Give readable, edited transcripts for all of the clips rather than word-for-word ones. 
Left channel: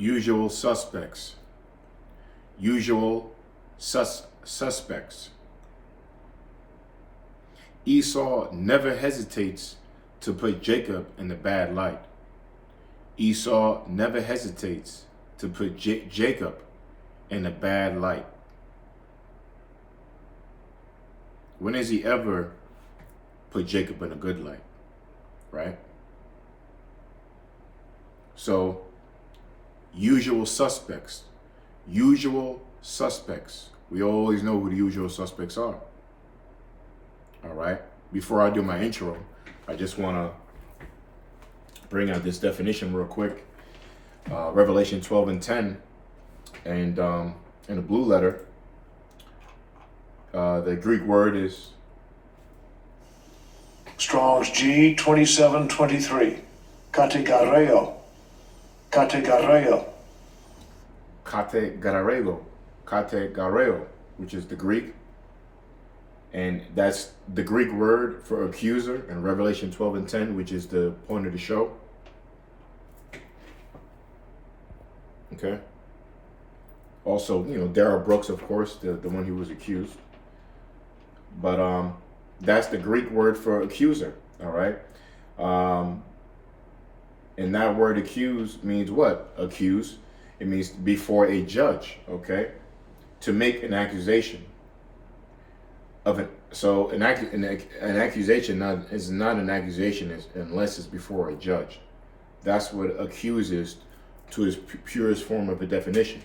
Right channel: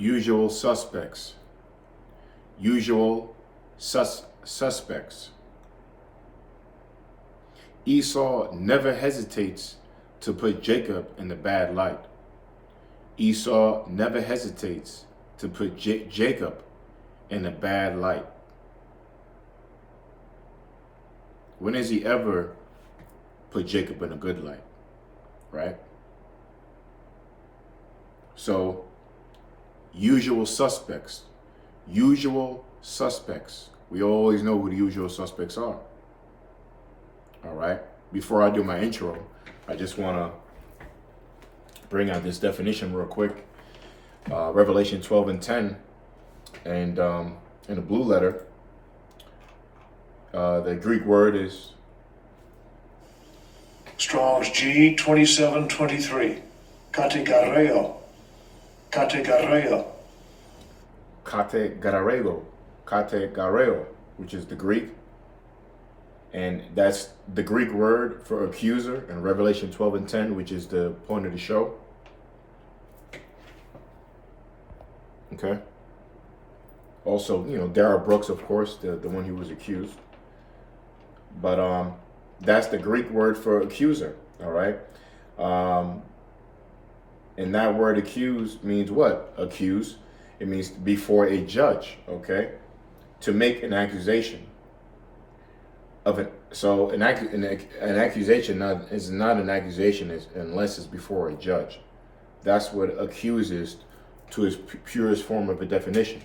usual suspects. Usual suspects. Esau never hesitates to put Jacob in a bad light. Esau never hesitates to put Jacob in a bad light. When has he ever put Jacob in a good light? Right? So, usual suspects. Usual suspects. We always know who the usual suspects are. All right? Before I do my intro, I just want to bring out this definition real quick. Revelation 12:10, and in the blue letter, the Greek word is Strong's G 2723. Kategareo. Kategareo. kategareo, which is the Greek. And that's the Greek word for accuser in Revelation 12:10, which is the point of the show. Okay. Also, Darrell Brooks, of course, the one who was accused. But that's the Greek word for accuser, all right? And that word accuse means what? Accuse. It means before a judge, okay? To make an accusation. So an accusation is not an accusation unless it's before a judge. That's what accuse is to its purest form of a definition,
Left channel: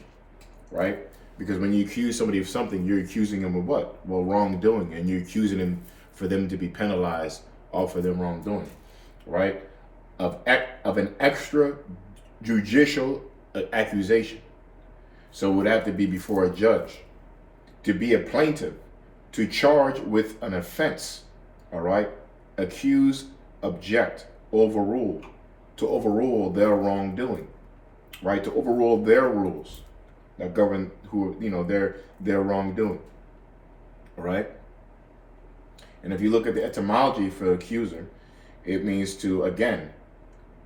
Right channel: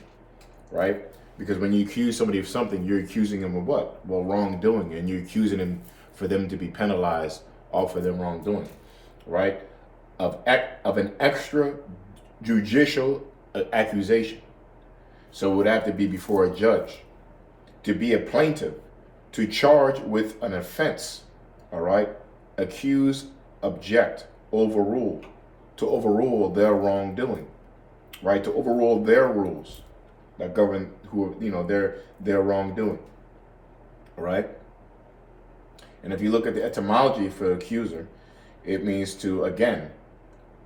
right? Because when you accuse somebody of something, you're accusing them of what? Well, wrongdoing, and you're accusing them for them to be penalized off of their wrongdoing, right? Of an extrajudicial accusation. So it would have to be before a judge. To be a plaintiff, to charge with an offense, all right? Accuse, object, overrule. To overrule their wrongdoing, right? To overrule their rules that govern their wrongdoing, all right? And if you look at the etymology for accuser, it means to, again,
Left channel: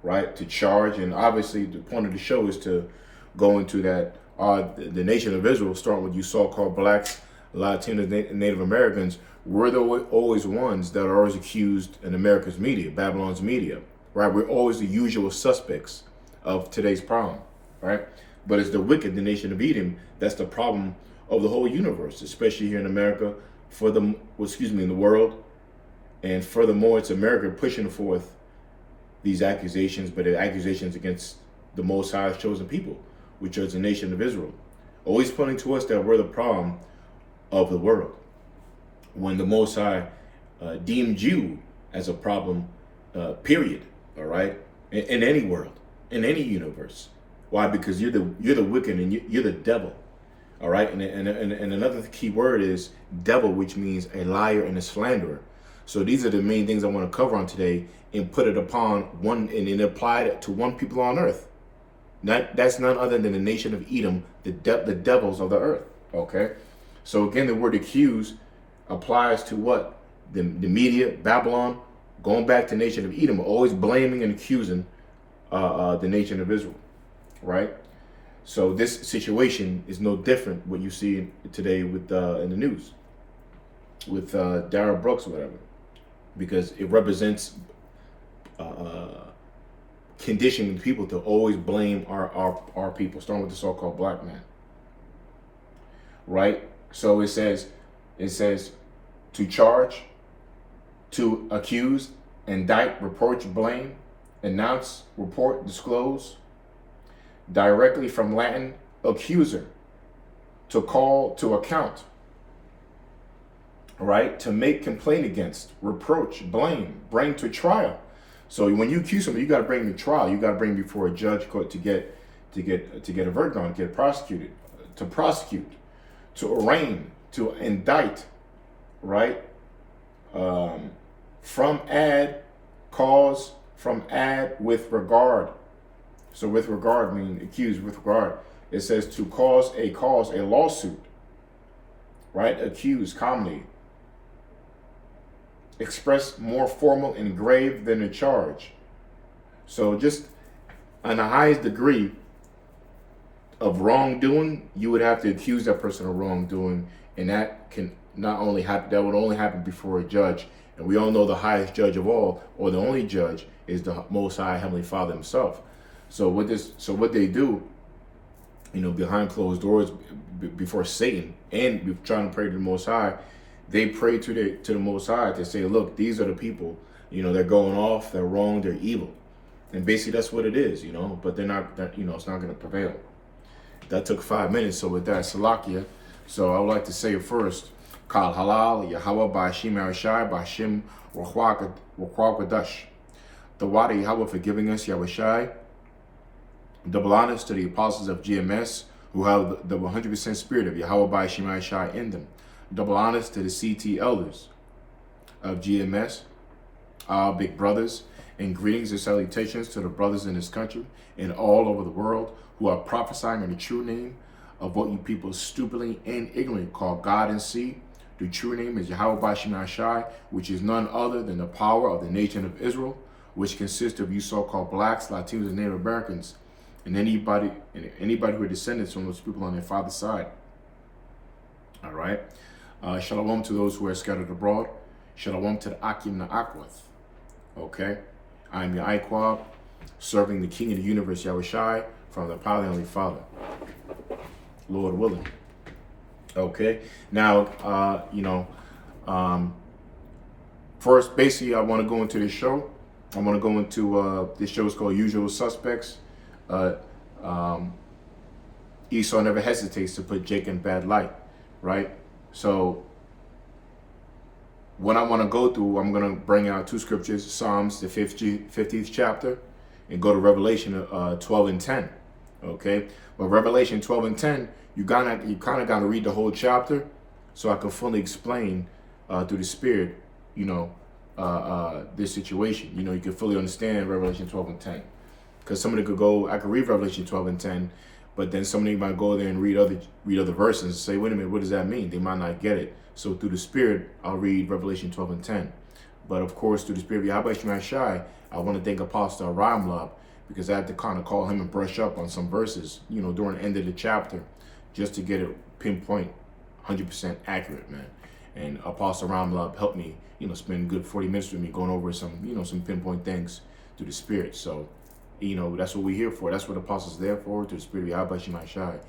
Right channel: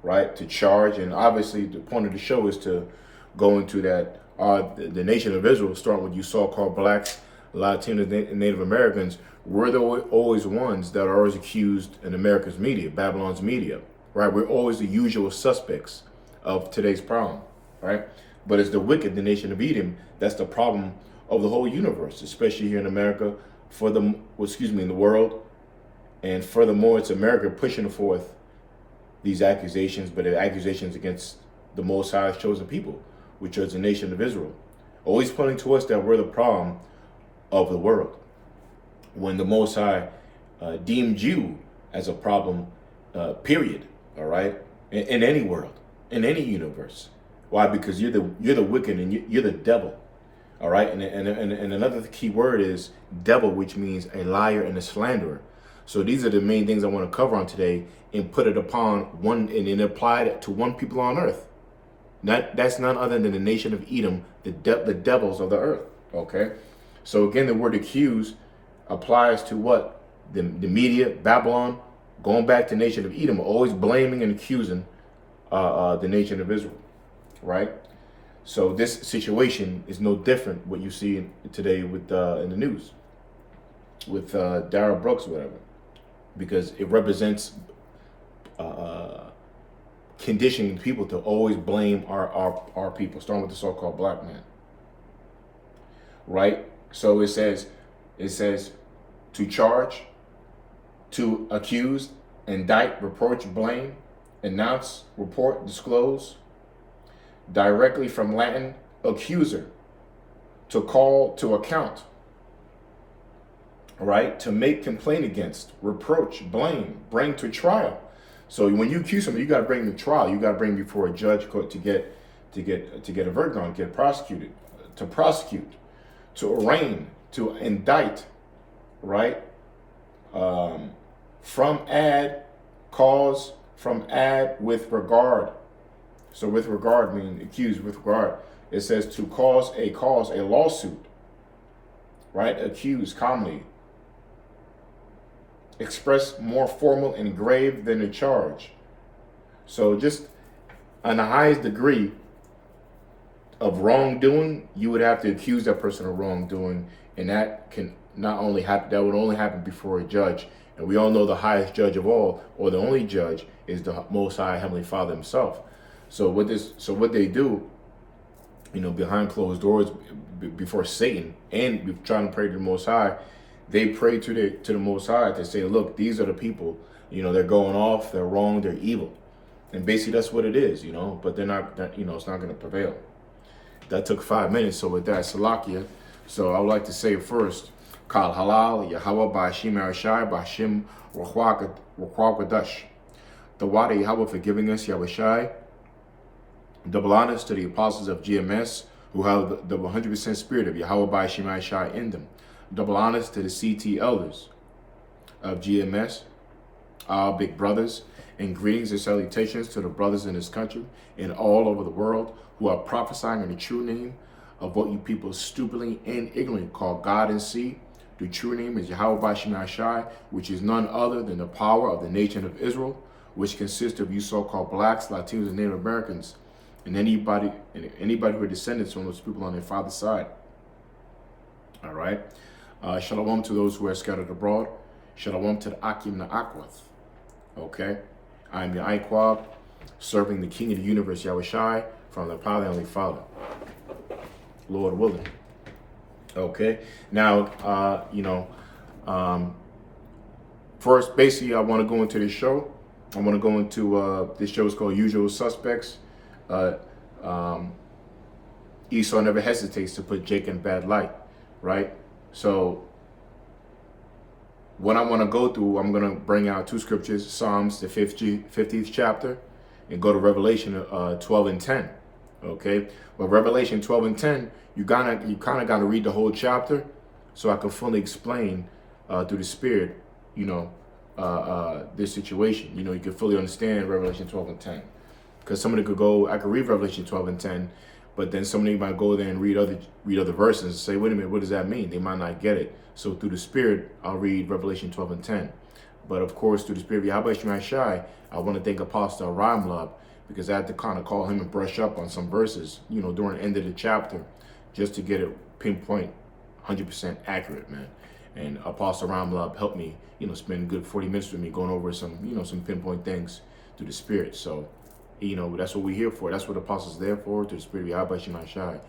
right, to charge. And obviously the point of the show is to go into that the nation of Israel, starting with you so-called blacks, Latinos, Native Americans, we're always ones that are always accused in America's media, Babylon's media, right? We're always the usual suspects of today's problem, right? But it's the wicked, the nation of Edom, that's the problem of the whole universe, especially here in America, in the world. And furthermore, it's America pushing forth these accusations, but they're accusations against the Most High's chosen people, which is the nation of Israel. Always pointing to us that we're the problem of the world, when the Most High deemed you as a problem, period, all right? In any world, in any universe. Why? Because you're the wicked and you're the devil, all right? And another key word is devil, which means a liar and a slanderer. So these are the main things I want to cover on today and put it upon one and apply it to one people on earth. That's none other than the nation of Edom, the devils of the earth, okay? So again, the word accuse applies to what? The media, Babylon, going back to the nation of Edom, always blaming and accusing the nation of Israel, right? So this situation is no different what you see today with in the news with Darrell Brooks or whatever, because it represents conditioning people to always blame our people, starting with the so-called black man, right? So it says to charge, to accuse, indict, reproach, blame, announce, report, disclose. Directly from Latin, accuser, to call to account, right? To make complaint against, reproach, blame, bring to trial. So when you accuse somebody, you got to bring to trial. You got to bring before a judge to get a verdict on, get prosecuted, to prosecute, to arraign, to indict, right? From add, cause, from add, with regard. So with regard means accused with regard. It says to cause a lawsuit, right? Accused, commonly. Express more formal and grave than a charge. So just on the highest degree, of wrongdoing, you would have to accuse that person of wrongdoing, and that can not only happen, that would only happen before a judge. And we all know the highest judge of all, or the only judge, is the Most High Heavenly Father Himself. So what they do, behind closed doors, before Satan, and trying to pray to the Most High, they pray to the Most High to say, look, these are the people, they're going off, they're wrong, they're evil. And basically that's what it is, but they're not, it's not going to prevail. That took 5 minutes, so with that, Salakia. So I would like to say first, Kal Halal, Yahweh Ba'ashim Arashai, Ba'ashim Rukwagadash. The Wada Yahweh for giving us Yahushai. Double honors to the apostles of GMS who have the 100% spirit of Yahweh Ba'ashim Arashai in them. Double honors to the CT elders of GMS, our big brothers, and greetings and salutations to the brothers in this country and all over the world who are prophesying in the true name of what you people stupidly and ignorantly call God and see. The true name is Yahweh Ba'ashim Arashai, which is none other than the power of the nation of Israel, which consists of you so-called blacks, Latinos, and Native Americans, and anybody who are descendants from those people on their father's side. All right. Shalom to those who are scattered abroad. Shalom to the Akim Na'akwath. Okay. I am your Iquab, serving the King of the universe, Yahushai, from the Father, Heavenly Father, Lord willing. Okay. Now, first, basically, I want to go into this show. I want to go into this show is called Usual Suspects. Esau never hesitates to put Jake in bad light, right? So what I want to go through, I'm going to bring out two scriptures, Psalms, the 50th chapter, and go to Revelation 12 and 10. Okay, but Revelation 12 and 10, you kind of got to read the whole chapter so I can fully explain through the Spirit, this situation. You can fully understand Revelation 12 and 10. Because somebody I could read Revelation 12 and 10, but then somebody might go there and read other verses and say, wait a minute, what does that mean? They might not get it. So through the Spirit, I'll read Revelation 12 and 10. But of course, through the Spirit of Yahweh Shemai Shai, I want to thank Apostle Ramlab, because I had to kind of call him and brush up on some verses, during the end of the chapter, just to get it pinpoint 100% accurate, man. And Apostle Ramlab helped me, spend a good 40 minutes with me going over some, some pinpoint things through the Spirit. So, that's what we're here for. That's what the apostles are there for, to the Spirit of Yahweh Shemai Shai,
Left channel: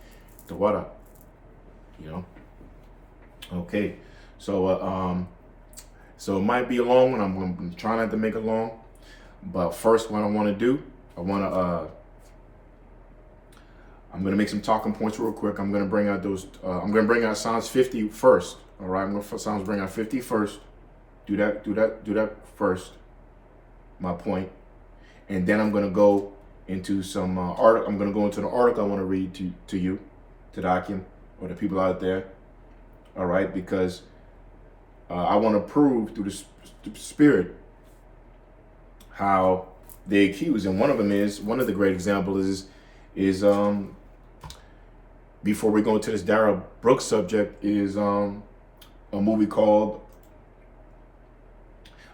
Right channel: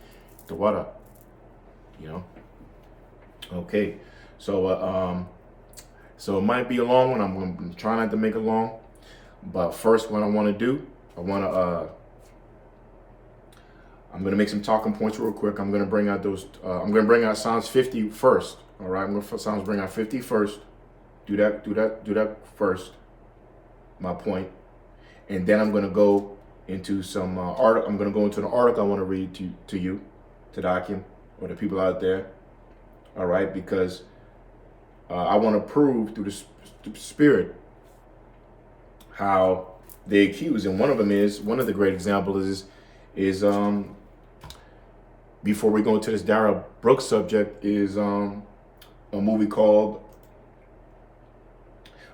the water, Okay, so so it might be a long one. I'm going to try not to make it long. But first, what I want to do, I'm going to make some talking points real quick. I'm going to bring out I'm going to bring out Psalms 50 first. All right, I'm going to bring out 50 first. Do that first. My point. And then I'm going to go into some article. I'm going to go into the article I want to read to you, to the Akim, or the people out there. All right, because I want to prove through the Spirit how they accuse. And one of the great examples is before we go into this Darrell Brooks subject, is a movie called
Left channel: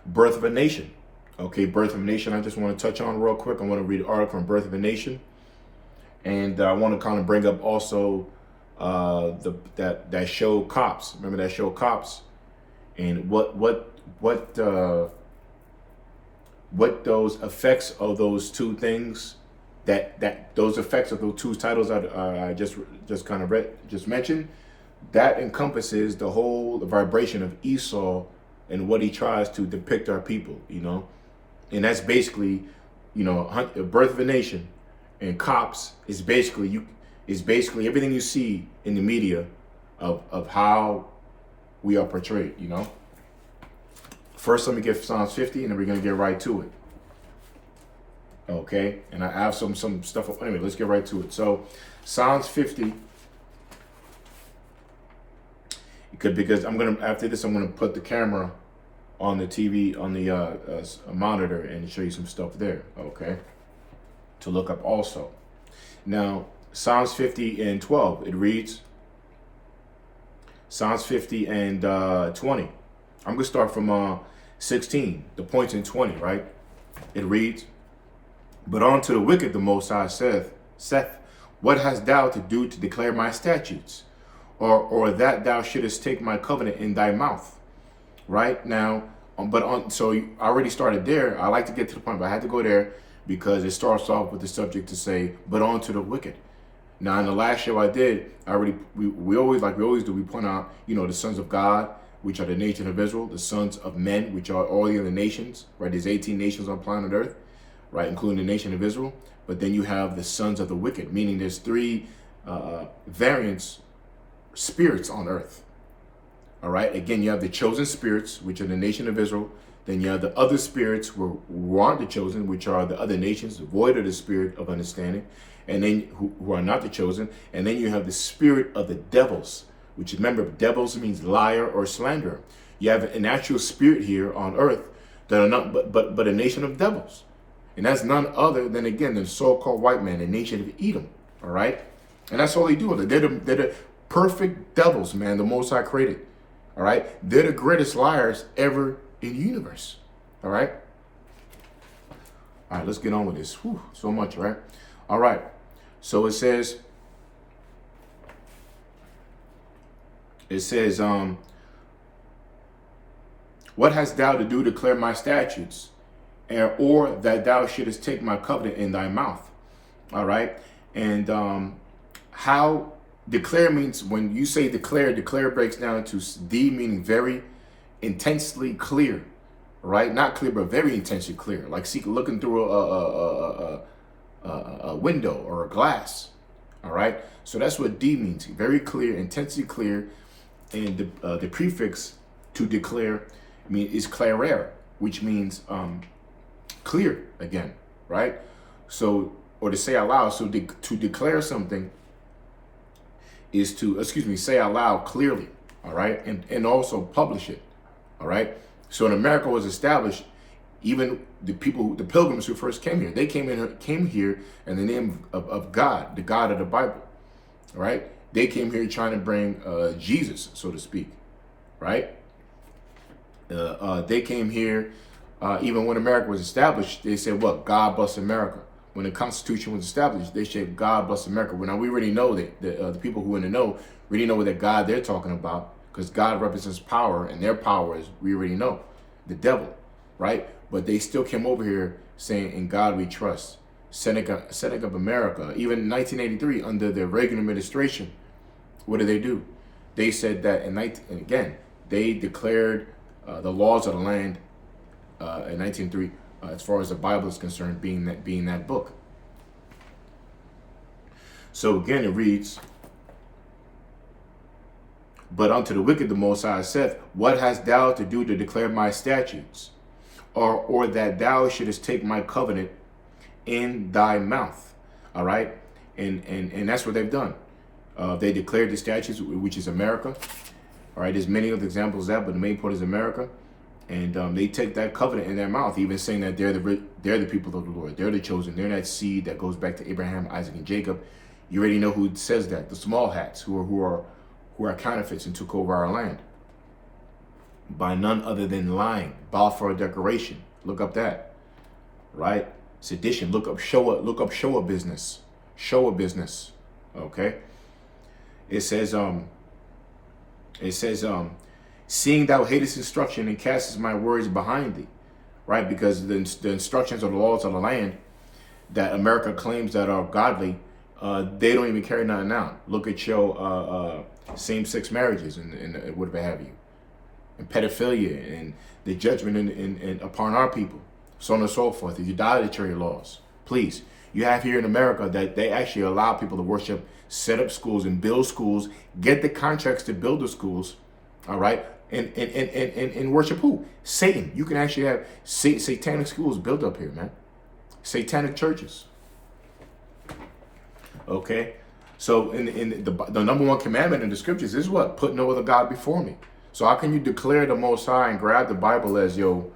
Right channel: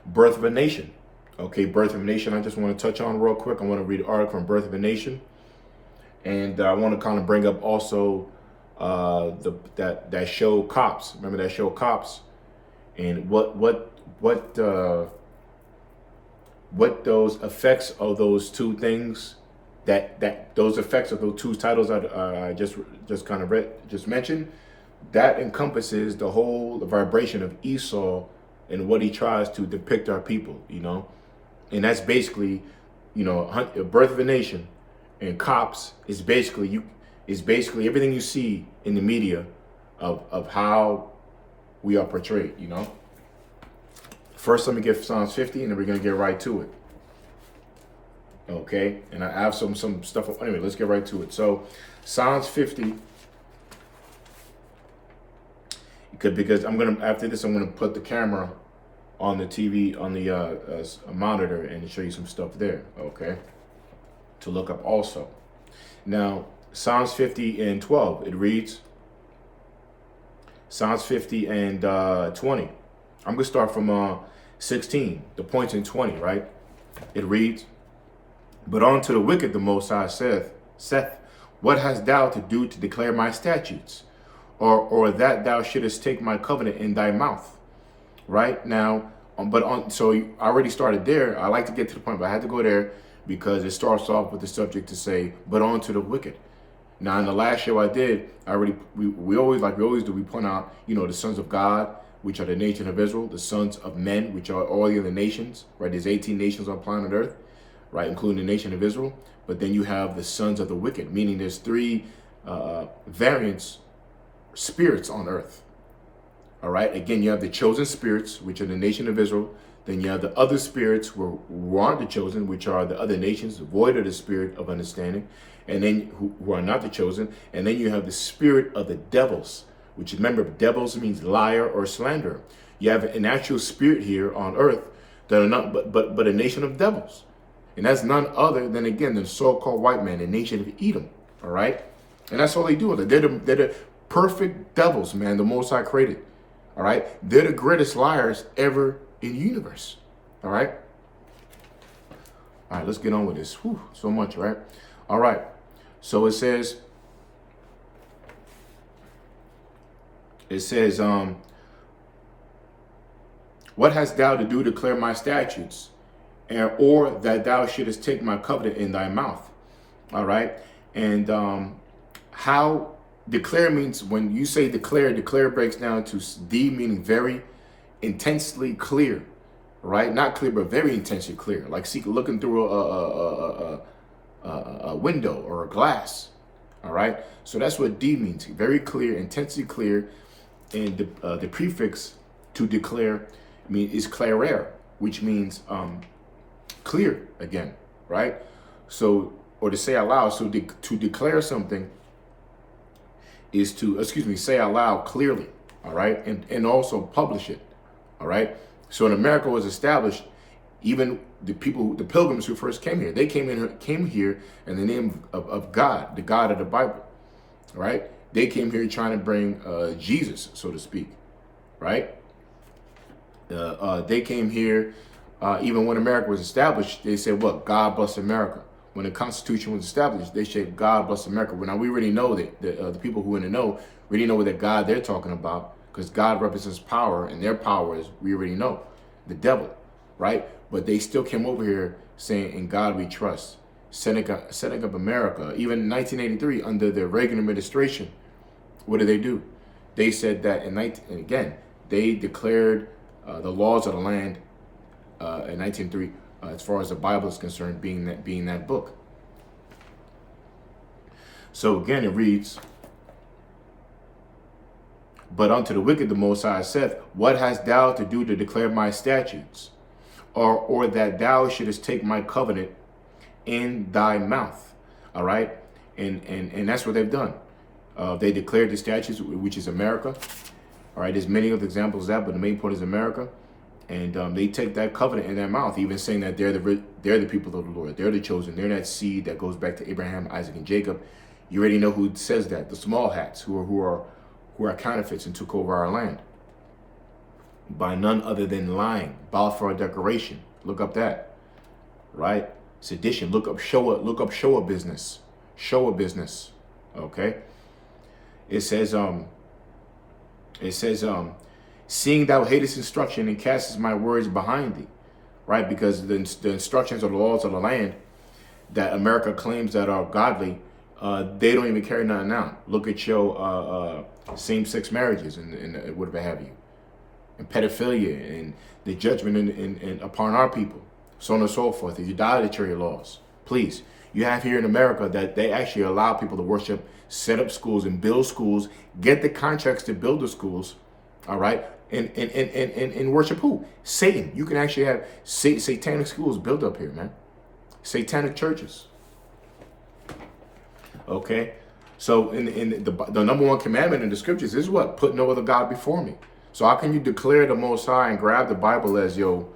Birth of a Nation. Okay, Birth of a Nation, I just want to touch on real quick. I want to read an article from Birth of a Nation. And I want to kind of bring up also that show Cops. Remember that show Cops? And what those effects of those two things, those effects of those two titles I just kind of mentioned, that encompasses the vibration of Esau and what he tries to depict our people, and that's basically, Birth of a Nation and Cops is basically everything you see in the media of how we are portrayed, First, let me get Psalms 50, and then we're going to get right to it. Okay, and I have some stuff. Anyway, let's get right to it. So, Psalms 50, because after this, I'm gonna put the camera on the TV, on the monitor, and show you some stuff there. Okay, to look up also. Now, Psalms 50 and 12, it reads. Psalms 50 and 20. I'm gonna start from 16. The points in 20, right? It reads. But unto the wicked the Most High saith, What hast thou to do to declare my statutes? Or that thou shouldest take my covenant in thy mouth? Right now, so I already started there. I like to get to the point, but I had to go there because it starts off with the subject to say, but on to the wicked. Now, in the last show I did, we always do, we point out, the sons of God, which are the nation of Israel, the sons of men, which are all the other nations, right? There's 18 nations on planet Earth, right, including the nation of Israel. But then you have the sons of the wicked, meaning there's three variants, spirits on earth. All right. Again, you have the chosen spirits, which are the nation of Israel. Then you have the other spirits who aren't the chosen, which are the other nations, void of the spirit of understanding, and then who are not the chosen. And then you have the spirit of the devils, which, remember, devils means liar or slanderer. You have an actual spirit here on earth that are not but a nation of devils. And that's none other than, again, the so-called white man, the nation of Edom. All right. And that's all they do. They're the perfect devils, man, the Most High created. All right. They're the greatest liars ever in the universe. All right. All right, let's get on with this. Whew, so much, right? All right. So it says, what hast thou to do to declare my statutes, or that thou shouldest take my covenant in thy mouth? All right. And how declare means, when you say declare breaks down to D, meaning very intensely clear, right? Not clear, but very intensely clear, like looking through a window or a glass. All right. So that's what D means. Very clear, intensely clear. And the prefix to declare is clarer, which means clear again, right? So, or to say out loud. So to declare something is to, say out loud clearly, all right? And also publish it, all right? So when America was established, even the pilgrims who first came here, they came here in the name of God, the God of the Bible, all right? They came here trying to bring Jesus, so to speak, right? They came here, even when America was established, they said, what? God bless America. When the Constitution was established, they said, God bless America. Well, now we already know that the people who in the know already know what that God they're talking about, because God represents power, and their power is, we already know, the devil, right? But they still came over here saying, in God we trust, setting up America. Even in 1983, under the Reagan administration, what did they do? They said that, they declared the laws of the land in 1903, as far as the Bible is concerned, being that book. So again, it reads, but unto the wicked the Most High saith, what hast thou to do to declare my statutes, or that thou shouldest take my covenant in thy mouth? All right, and that's what they've done. They declared the statutes, which is America. All right, there's many other examples of that, but the main point is America. And they take that covenant in their mouth, even saying that they're the people of the Lord. They're the chosen. They're that seed that goes back to Abraham, Isaac, and Jacob. You already know who says that. The small hats who are counterfeits and took over our land. By none other than lying, Balfour Declaration. Look up that. Right? Sedition. Look up Shoah business. Shoah business. Okay? It says, seeing thou hatest instruction and castest my words behind thee, right? Because the instructions or the laws of the land that America claims that are godly, they don't even carry nothing out. Look at your same-sex marriages and whatever have you, and pedophilia and the judgment in upon our people, so on and so forth. The idolatry laws. Please, you have here in America that they actually allow people to worship, set up schools and build schools, get the contracts to build the schools, all right? And worship who? Satan. You can actually have satanic schools built up here, man. Satanic churches. Okay? So in the number one commandment in the scriptures is what? Put no other God before me. So how can you declare the Most High and grab the Bible as your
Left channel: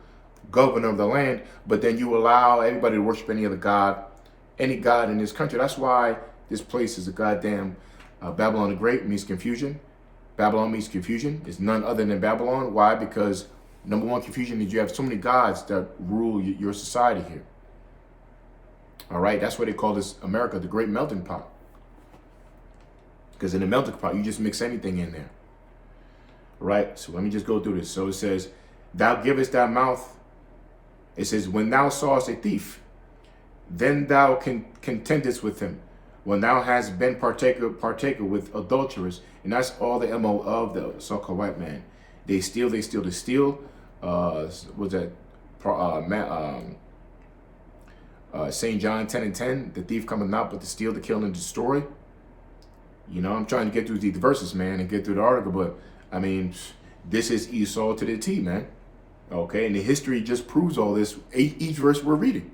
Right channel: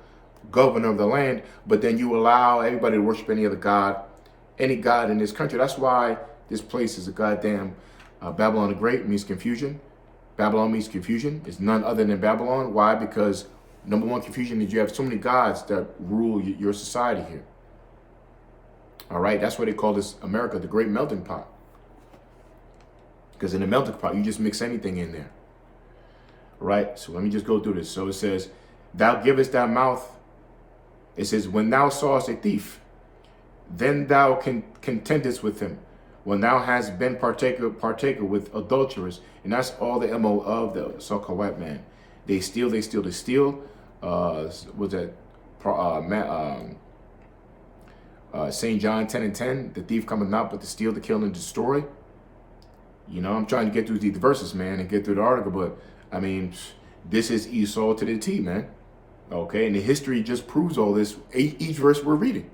governor of the land, but then you allow everybody to worship any other God, any God in this country? That's why this place is a goddamn Babylon the Great, means confusion. Babylon means confusion. It's none other than Babylon. Why? Because number one confusion is you have so many gods that rule your society here. All right. That's why they call this America the Great Melting Pot. Because in the melting pot, you just mix anything in there. Right? So let me just go through this. So it says, thou givest thy mouth. It says, when thou sawest a thief, then thou contendest with him. When thou hast been partaker with adulterers. And that's all the MO of the so-called white man. They steal to steal. Was that St. John 10:10? The thief cometh not but to steal, to kill, and destroy. You know, I'm trying to get through these verses, man, and get through the article, but I mean, this is Esau to the T, man. Okay, and the history just proves all this, each verse we're reading.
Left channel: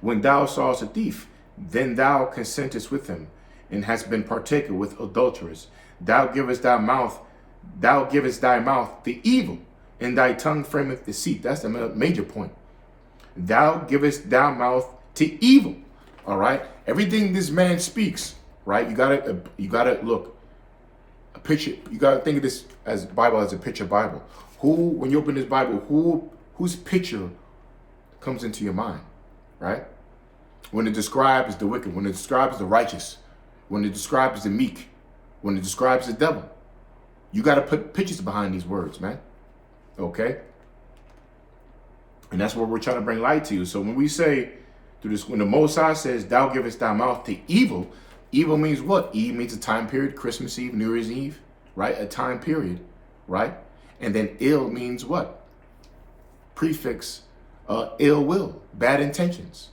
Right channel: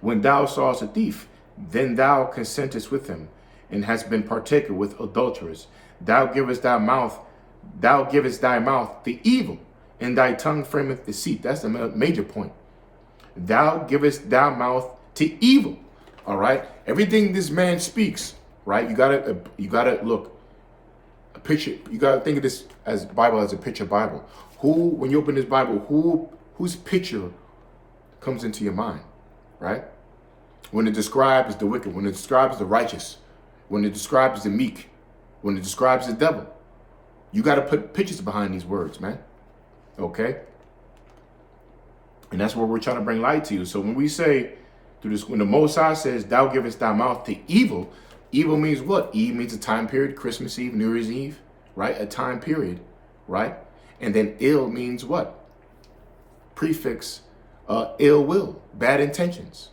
When thou sawest a thief, then thou consentest with him, and hast been partaker with adulterers. Thou givest thy mouth the evil, and thy tongue frameth deceit. That's the major point. Thou givest thy mouth to evil. All right, everything this man speaks, right? You gotta look. A picture. You gotta think of this as Bible as a picture Bible. When you open this Bible, whose picture comes into your mind, right? When it describes the wicked, when it describes the righteous, when it describes the meek, when it describes the devil, you got to put pictures behind these words, man. Okay? And that's what we're trying to bring light to you. So when we say, through this, when the Most High says, thou givest thy mouth to evil, evil means what? Eve means a time period, Christmas Eve, New Year's Eve, right? A time period, right? And then ill means what? Prefix, ill will, bad intentions.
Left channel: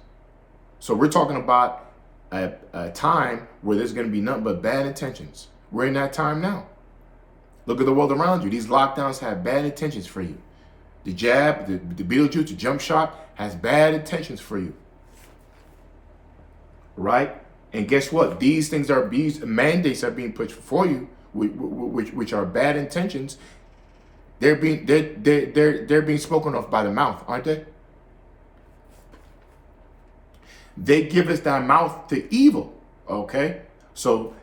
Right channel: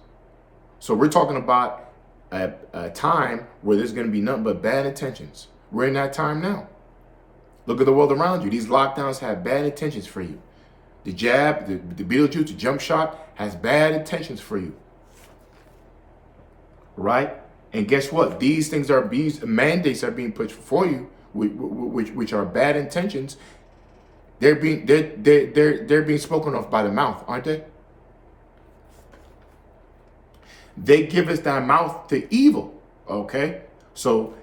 So we're talking about a time where there's going to be nothing but bad intentions. We're in that time now. Look at the world around you. These lockdowns have bad intentions for you. The jab, the Bigotry, the jump shot has bad intentions for you. Right? And guess what? These things these mandates are being put for you, which are bad intentions. They're being spoken of by the mouth, aren't they? They give us thy mouth to evil. Okay? So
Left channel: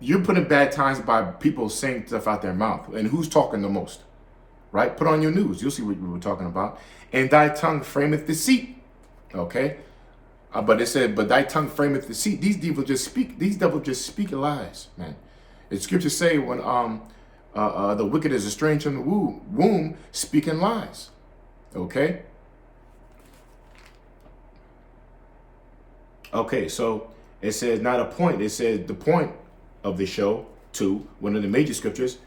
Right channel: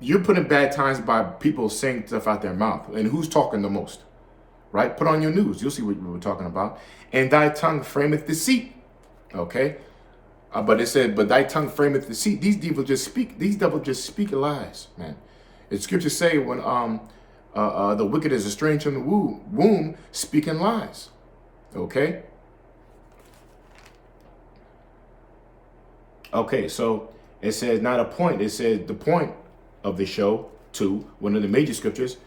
you're putting bad times by people saying stuff out their mouth. And who's talking the most? Right? Put on your news. You'll see what we were talking about. And thy tongue frameth deceit. Okay? But it said, but thy tongue frameth deceit. These devils just speak lies, man. The scriptures say when the wicked is estranged from the womb, speaking lies. Okay? Okay, so it says not a point. It says the point of the show, too, one of the major scriptures.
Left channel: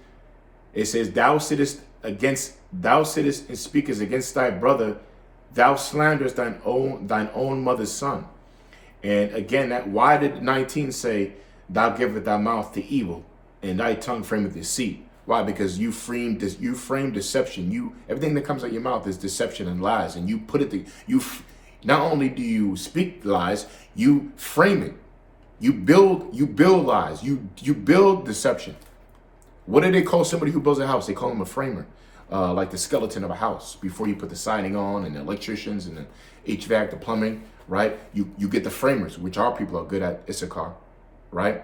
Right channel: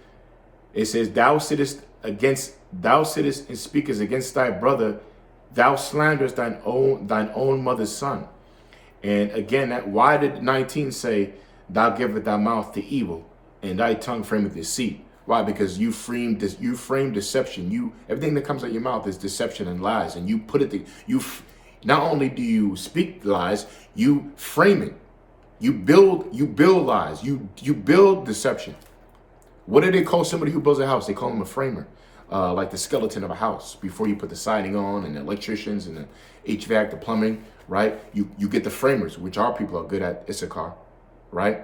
It says, thou sittest and speakest against thy brother, thou slanderest thine own mother's son. And again, why did 19 say, thou givest thy mouth to evil, and thy tongue frameth deceit? Why? Because you frame deception. Everything that comes out of your mouth is deception and lies, and you put it. Not only do you speak lies, you frame it. You build lies. You build deception. What do they call somebody who builds a house? They call them a framer. Like the skeleton of a house. Before you put the siding on, and the electricians and the HVAC, the plumbing, right? You get the framers, which our people are good at, ACCUSER, right?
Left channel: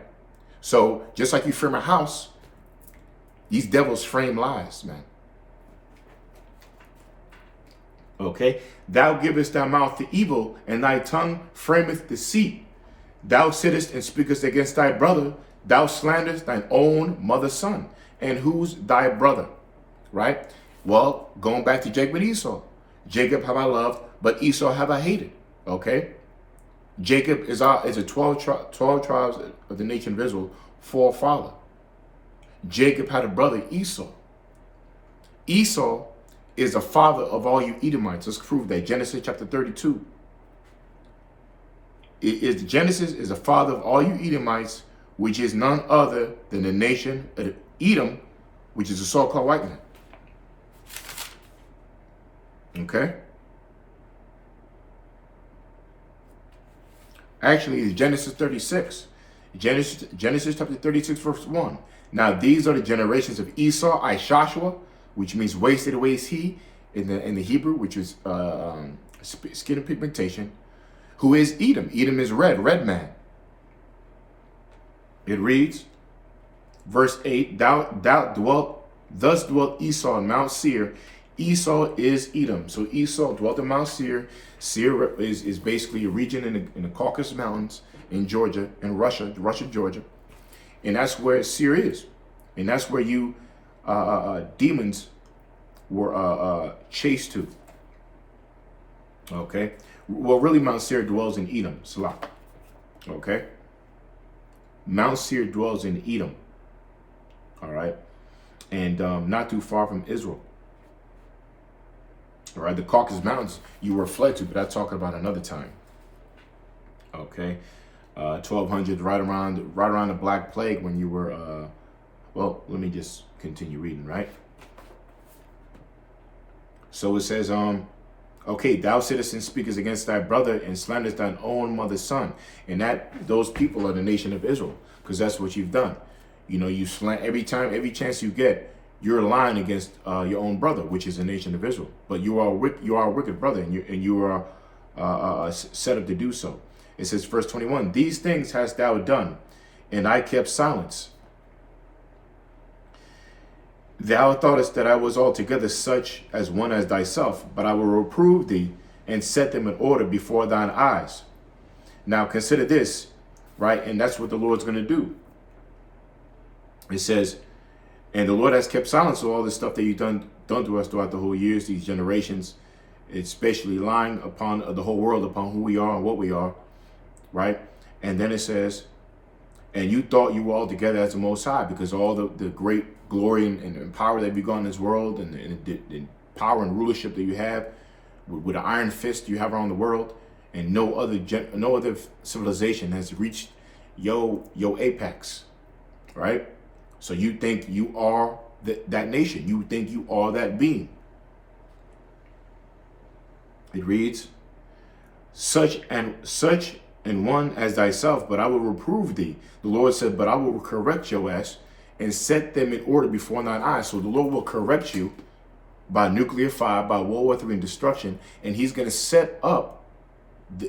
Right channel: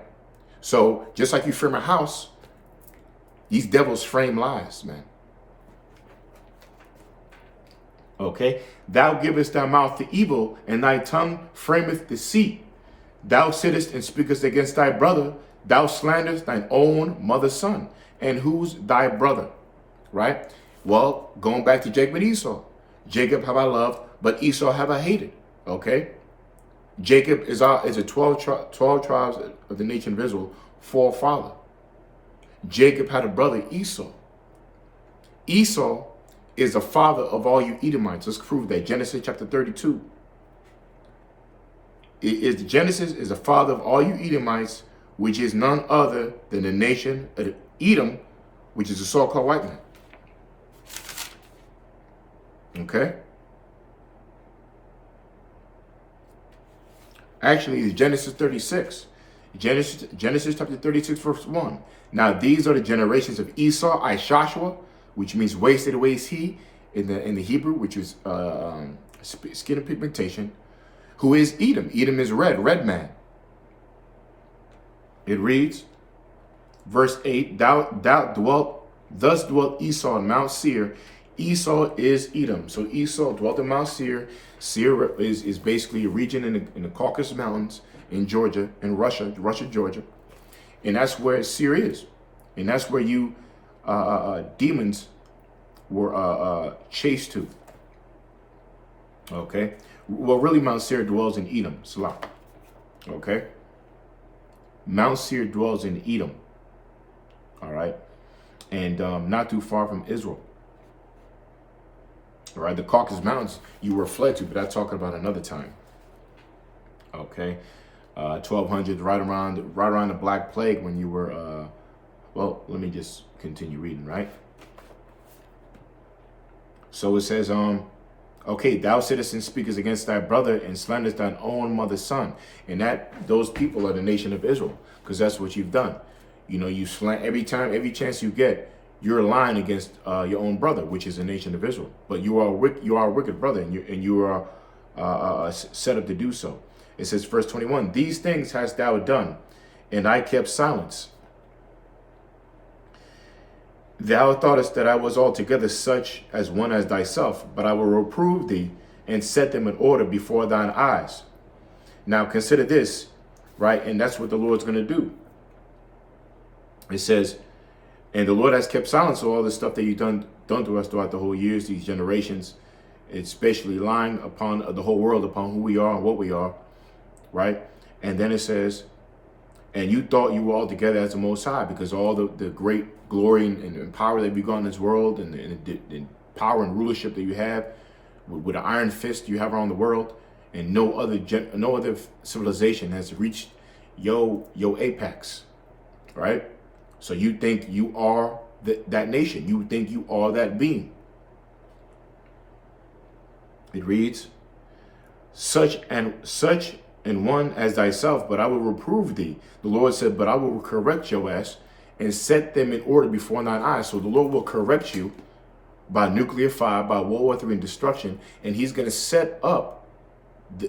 So just like you frame a house, these devils frame lies, man. Okay? Thou givest thy mouth to evil, and thy tongue frameth deceit. Thou sittest and speakest against thy brother. Thou slanderest thine own mother's son. And who's thy brother? Right? Well, going back to Jacob and Esau. Jacob have I loved, but Esau have I hated. Okay? Jacob is a 12 tribes of the nation of Israel forefather. Jacob had a brother, Esau. Esau is the father of all you Edomites. Let's prove that. Genesis chapter 32. Genesis is the father of all you Edomites, which is none other than the nation of Edom, which is the so-called white man. Okay? Actually, it's Genesis 36. Genesis chapter 36, verse 1. Now these are the generations of Esau, Ishashua, which means wasted away is he in the Hebrew, which is skin and pigmentation, who is Edom. Edom is red man. It reads, verse 8, thus dwelt Esau in Mount Seir, Esau is Edom. So Esau dwelt in Mount Seir. Seir is basically a region in the Caucasus Mountains in Georgia, in Russia, Georgia. And that's where Seir is. And that's where you demons were chased to. Okay. Well, really, Mount Seir dwells in Edom, Salah. Okay. Mount Seir dwells in Edom. All right. And not too far from Israel. All right. The Caucasus Mountains you were fled to, but I'm talking about another time. Okay. 1200, right around the Black Plague, when you were, well, let me just continue reading, right? So it says, okay, thou sittest and speakest against thy brother and slanderest thine own mother's son. And those people are the nation of Israel, because that's what you've done. You know, you slant every chance you get, you're lying against your own brother, which is the nation of Israel. But you are a wicked brother, and you are set up to do so. It says, verse 21, these things hast thou done, and I kept silence. Thou thoughtest that I was altogether such as one as thyself, but I will reprove thee and set them in order before thine eyes. Now consider this, right? And that's what the Lord's going to do. It says, and the Lord has kept silence of all the stuff that you've done to us throughout the whole years, these generations, especially lying upon the whole world, upon who we are and what we are, right? And then it says, and you thought you were all together as the Most High, because all the great glory and power that we got in this world, and the power and rulership that you have with the iron fist you have around the world, and no other civilization has reached your apex, right? So you think you are that nation. You think you are that being. It reads, such and one as thyself, but I will reprove thee. The Lord said, but I will correct your ass and set them in order before thine eyes. So the Lord will correct you by nuclear fire, by World War III and destruction, and he's going to set up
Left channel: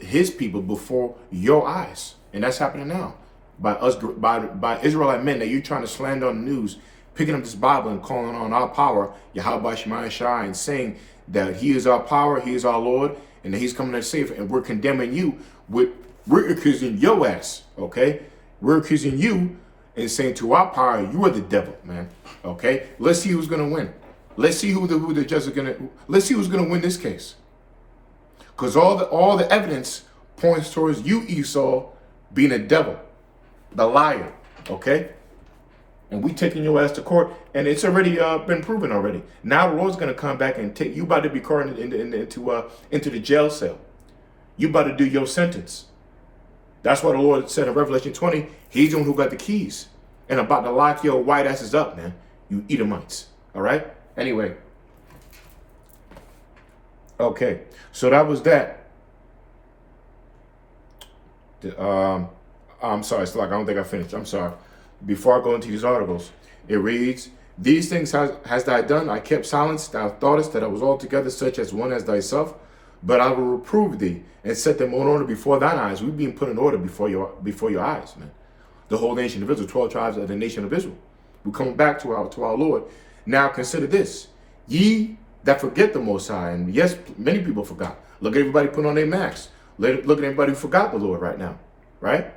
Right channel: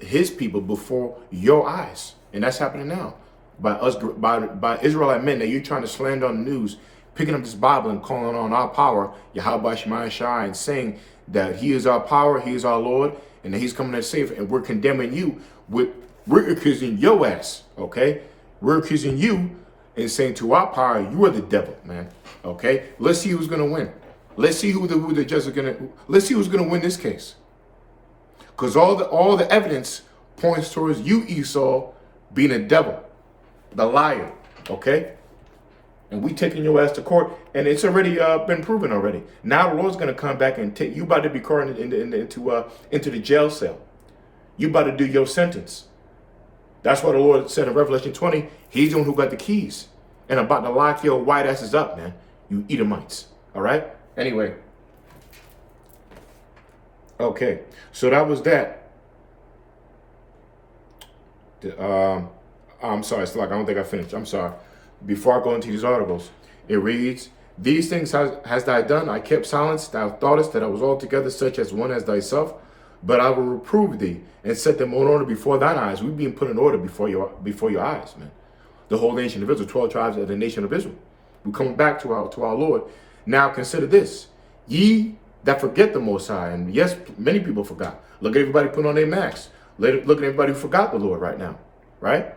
his people before your eyes. And that's happening now. By Israelite men that you're trying to slander on the news, picking up this Bible and calling on our power, Yahweh Shema Shai, and saying that he is our power, he is our Lord, and that he's coming to save it, and we're condemning you. We're accusing your ass, okay? We're accusing you and saying to our power, you are the devil, man, okay? Let's see who's going to win. Let's see who the judge is going to, let's see who's going to win this case. Because all the evidence points towards you, Esau, being a devil, the liar, okay? And we taking your ass to court, and it's already been proven already. Now the Lord's going to come back and take you, about to be caught into the jail cell. You about to do your sentence. That's what the Lord said in Revelation 20. He's the one who got the keys and about to lock your white asses up, man. You Edomites. All right? Anyway. Okay. So that was that. I'm sorry, Slack. I don't think I finished. I'm sorry. Before I go into these articles, it reads, these things hast thou done. I kept silence. Thou thoughtest that I was altogether such as one as thyself. But I will reprove thee and set them in order before thine eyes. We've been put in order before your eyes, man. The whole nation of Israel, 12 tribes of the nation of Israel. We're coming back to our Lord. Now consider this. Ye that forget the Most High. And yes, many people forgot. Look at everybody putting on their masks. Look at everybody who forgot the Lord right now. Right?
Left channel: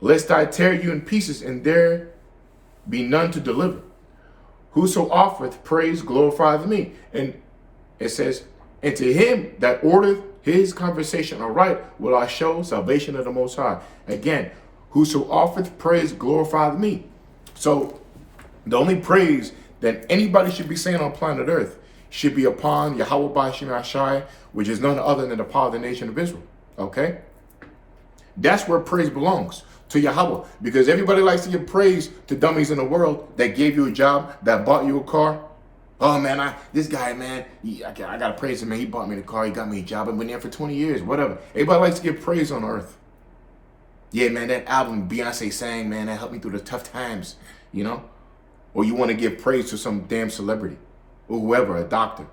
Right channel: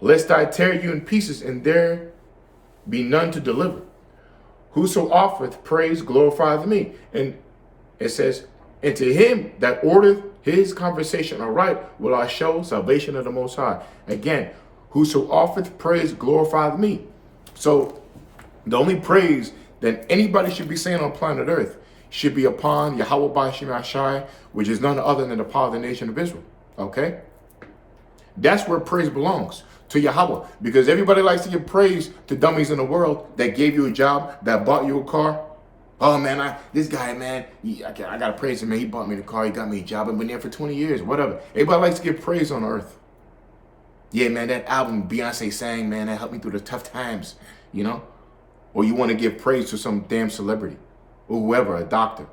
Lest I tear you in pieces, and there be none to deliver. Whoso offereth praise glorifieth me. And it says, and to him that ordereth his conversation aright will I show salvation of the Most High. Again, whoso offereth praise glorifieth me. So the only praise that anybody should be saying on planet Earth should be upon Yahweh Shema Shai, which is none other than the power of the nation of Israel. Okay? That's where praise belongs, to Yahweh. Because everybody likes to give praise to dummies in the world that gave you a job, that bought you a car. Oh, man, this guy, man, I got to praise him, man. He bought me the car. He got me a job. I've been there for 20 years, whatever. Everybody likes to give praise on earth. Yeah, man, that album Beyonce sang, man, that helped me through the tough times, you know? Or you want to give praise to some damn celebrity or whoever, a doctor.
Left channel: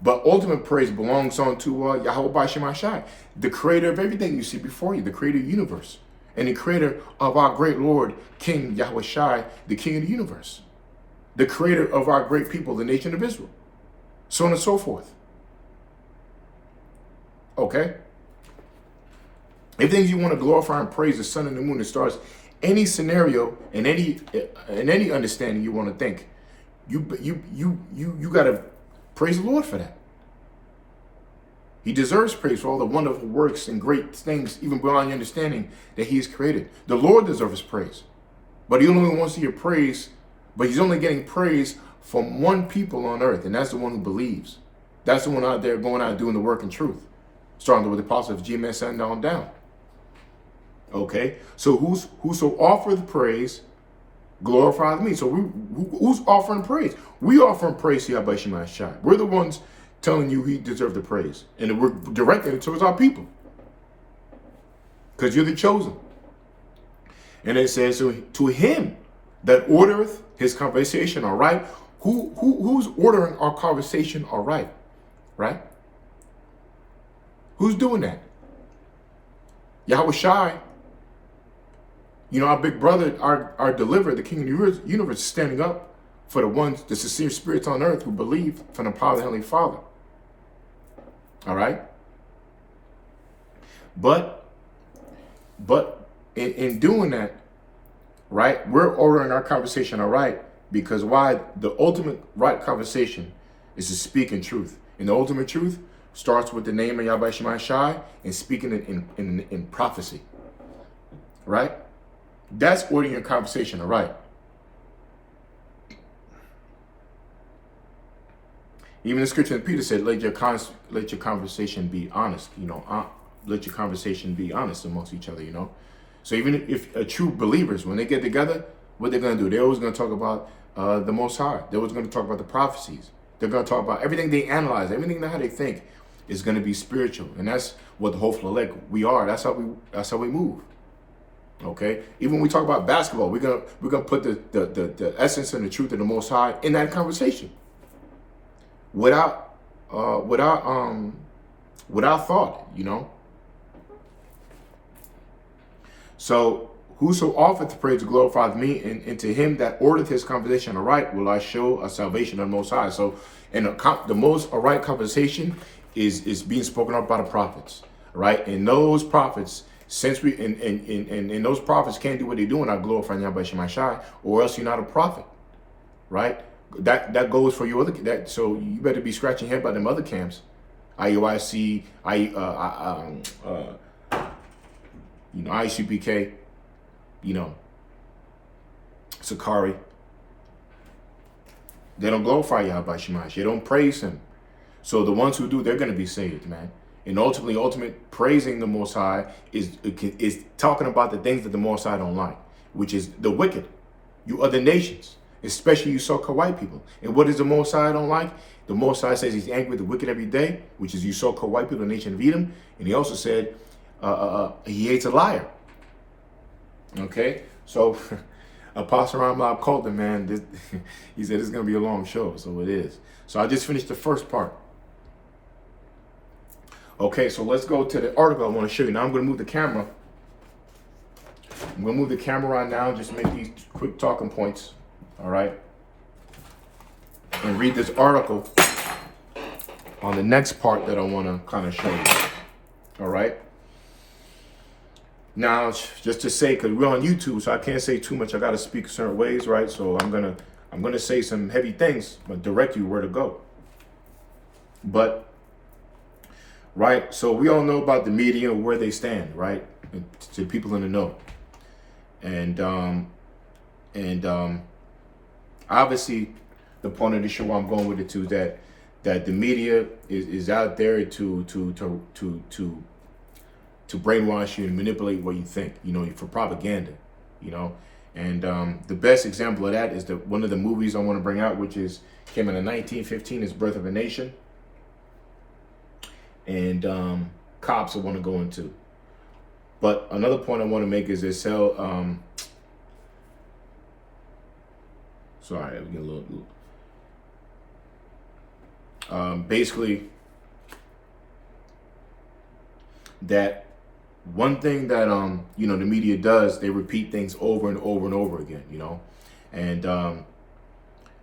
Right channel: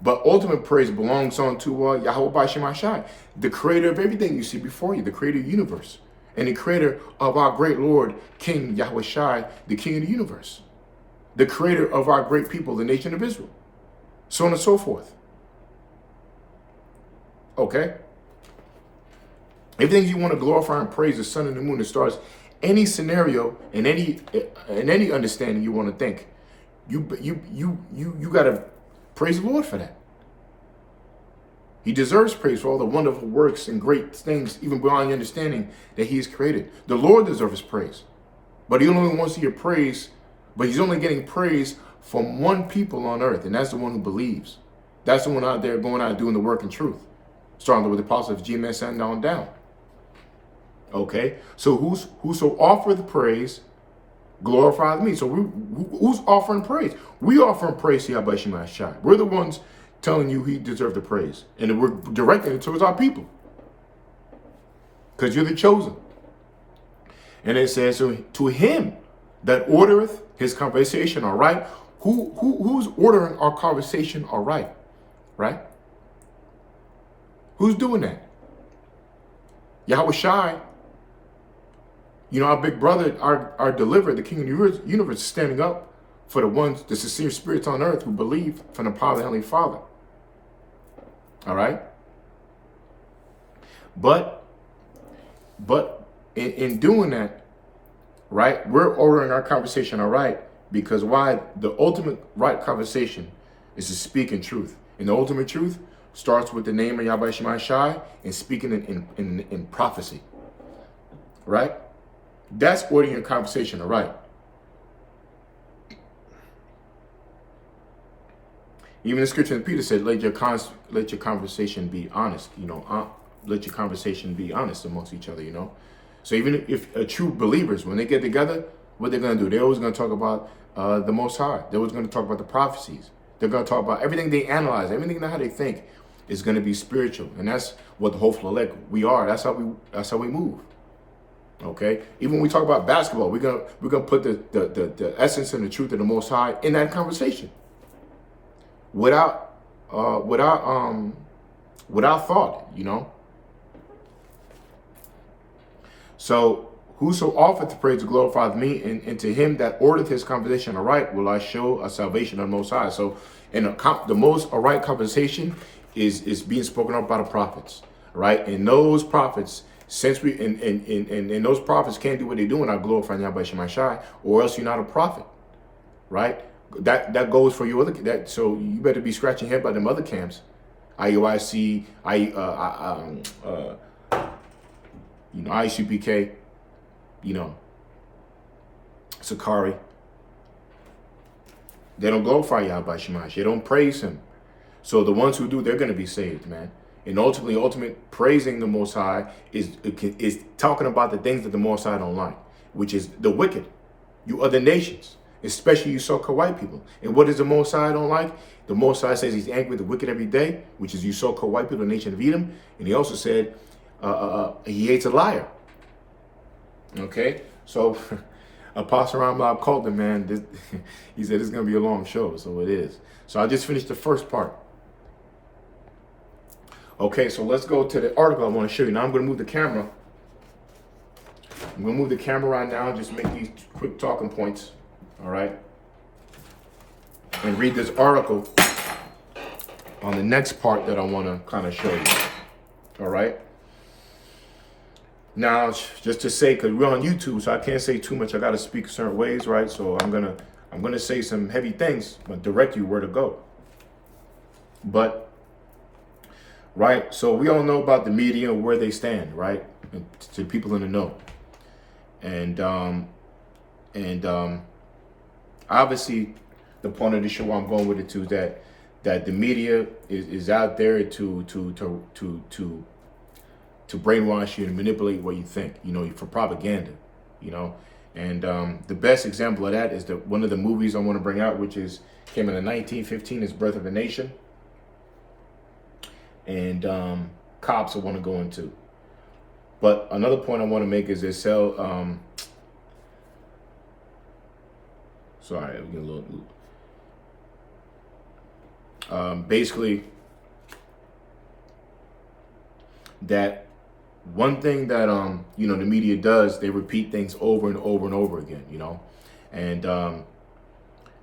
But ultimate praise belongs on to Yahweh Shema Shai, the creator of everything you see before you, the creator of the universe, and the creator of our great Lord, King Yahweh Shai, the king of the universe. the creator of our great people, the nation of Israel, so on and so forth. Okay? Everything you want to glorify and praise the sun and the moon, the stars, any scenario and any understanding you want to think, you got to praise the Lord for that. He deserves praise for all the wonderful works and great things, even beyond your understanding, that he has created. The Lord deserves praise. But he only wants to hear praise, but he's only getting praise from one people on earth, and that's the one who believes. That's the one out there going out doing the work in truth. Starting with the apostle of GMS and down. Okay? So whoso offereth praise, glorifieth me. So who's offering praise? We offering praise to Yahweh Shema Shai. We're the ones telling you he deserves the praise. And we're directing it towards our people. Because you're the chosen. And it says, so to him that ordereth his conversation aright. Who's ordering our conversation aright? Right? Who's doing that? Yahweh Shai. You know, our big brother, our deliverer, the King of the universe, is standing up for the ones, the sincere spirits on earth who believe from the power of the Heavenly Father. All right? But in doing that, right, we're ordering our conversation all right, because why? The ultimate right conversation is to speak in truth. And the ultimate truth starts with the name of Yahweh Shema Shai and speaking in prophecy. Right? That's ordering your conversation all right. Even the scripture in Peter said, let your conversation be honest. You know, let your conversation be honest amongst each other, you know. So even if true believers, when they get together, what they're going to do? They're always going to talk about the Most High. They're always going to talk about the prophecies. They're going to talk about everything they analyze, everything how they think is going to be spiritual. And that's what the hopeful elect we are. That's how we move. Okay? Even when we talk about basketball, we're gonna put the essence and the truth of the Most High in that conversation. Without thought, you know. So whoso offereth the praise glorifieth me, and to him that ordereth his conversation aright will I show a salvation of the Most High. So, and the most aright conversation is being spoken of by the prophets, right? And those prophets, since we and those prophets can't do what they do in our glorifying Yahweh Shema Shai, or else you're not a prophet, right? That goes for your other. So you better be scratching your head by them other camps, IUIC, ICPK, you know, Sakari. They don't glorify Yahweh Shema. They don't praise him. So the ones who do, they're going to be saved, man. And ultimate praising the Most High is talking about the things that the Most High don't like, which is the wicked, you other nations, especially you so-called white people. And what does the Most High don't like? The Most High says he's angry with the wicked every day, which is you so-called white people, the nation of Edom. And he also said he hates a liar. Okay, so Apostle Ramlab called him, man. He said it's going to be a long show, so it is. So I just finished the first part. Okay, so let's go to the article I want to show you. Now I'm going to move the camera. I'm going to move the camera right now and just make these quick talking points. All right. And read this article on the next part that I want to kind of show you. All right. Now, just to say, because we're on YouTube, so I can't say too much. I got to speak certain ways, right? So I'm gonna say some heavy things, but direct you where to go. But right, so we all know about the media and where they stand, right? And to people in the know, and obviously, the point of the show I'm going with it too is that the media is out there to brainwash you and manipulate what you think, you know, for propaganda, you know. And the best example of that is one of the movies I want to bring out, which came in 1915, is Birth of a Nation. And cops I want to go into. But another point I want to make is they sell, sorry, I'm getting a little, basically, that one thing that you know, the media does, they repeat things over and over and over again, you know, and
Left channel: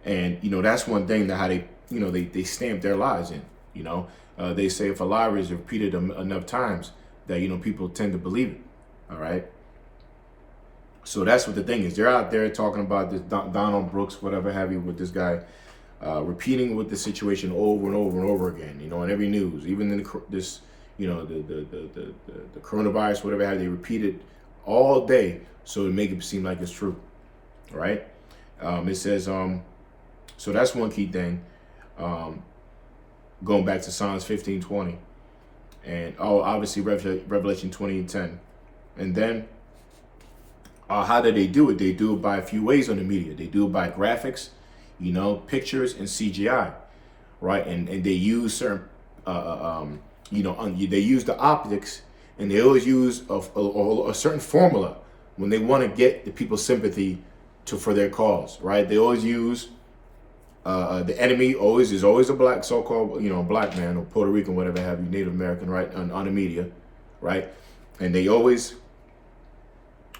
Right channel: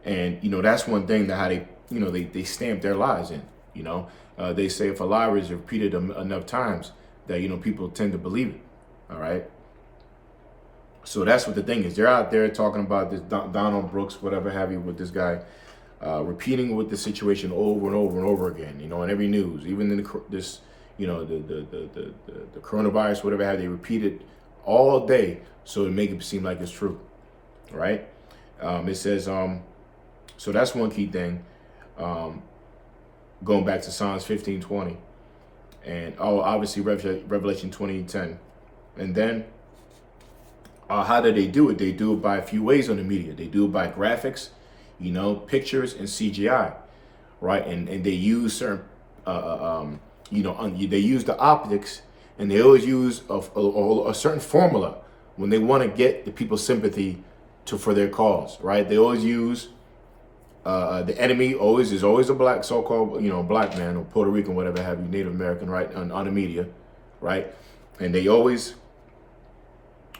And, you know, that's one thing that how they, you know, they stamp their lies in, you know. They say if a lie is repeated enough times that, you know, people tend to believe it. All right. So that's what the thing is. They're out there talking about this Donald Brooks, whatever have you, with this guy, repeating with the situation over and over and over again, you know, in every news, even in this, you know, the coronavirus, whatever have they repeat it all day so to make it seem like it's true. Right. It says, so that's one key thing. Going back to Psalms 15:20, and obviously Revelation 20:10, and then how do they do it? They do it by a few ways on the media. They do it by graphics, you know, pictures and CGI, right? And they use certain, you know, they use the optics, and they always use a certain formula when they want to get the people's sympathy for their cause, right? They always use. The enemy is always a black, so-called, you know, black man or Puerto Rican, whatever have you, Native American, right, on the media, right? And they always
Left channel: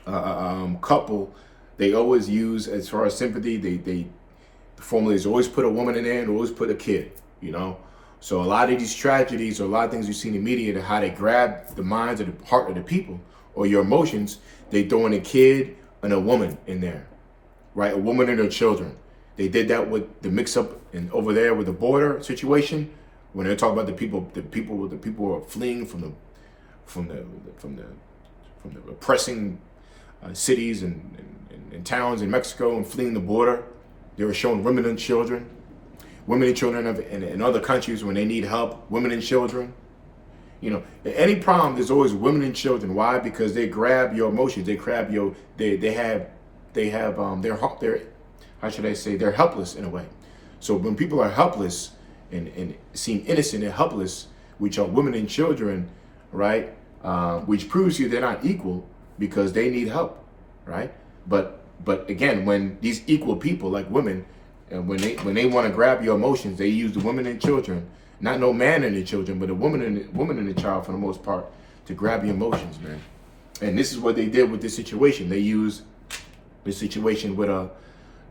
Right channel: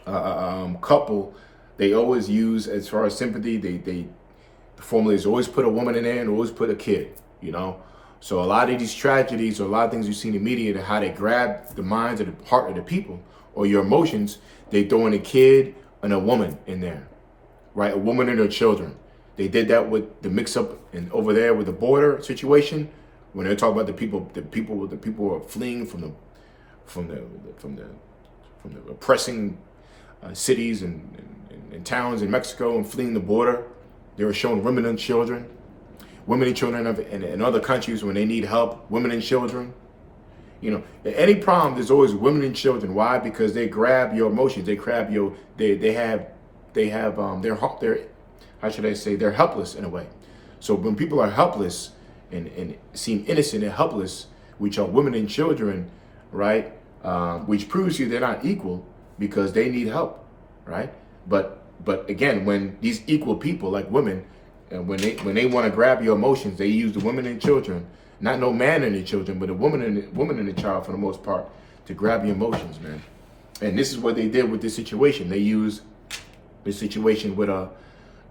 they always use, as far as sympathy, the formula is always put a woman in there and always put a kid, you know? So a lot of these tragedies or a lot of things you see in the media, how they grab the minds of the heart of the people or your emotions, they throw in a kid and a woman in there, right? A woman and her children. They did that with the mix-up and over there with the border situation, when they're talking about the people who are fleeing from the oppressing cities and towns in Mexico and fleeing the border. They were showing women and children in other countries when they need help. Women and children. You know, any problem, there's always women and children. Why? Because they grab your emotions. They grab your. They have. They're how should I say, they're helpless in a way. So when people are helpless and seem innocent and helpless, which are women and children, right, which proves you they're not equal because they need help, right? But again, when these equal people like women, and when they want to grab your emotions, they use the women and children, not no man and the children, but a woman and the child for the most part, to grab your emotions, man. And this is what they did with this situation. They used this situation with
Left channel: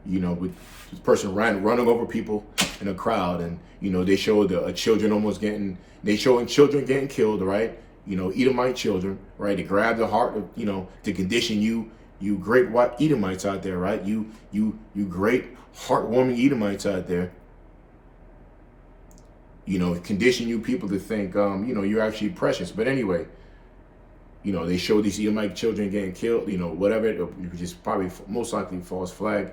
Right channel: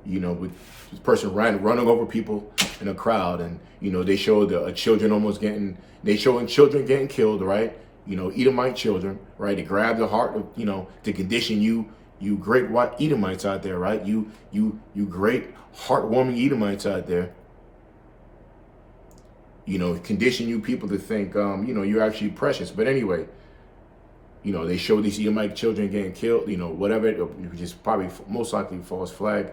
with this person running over people in a crowd, and you know they showed children showing children getting killed, right? You know, Edomite children, right? To grab the heart of, you know, to condition you great white Edomites out there, right? You great heartwarming Edomites out there. You know, condition you people to think, you know, you're actually precious. But anyway, you know, they show these Edomite children getting killed, you know, whatever, which is probably most likely false flag.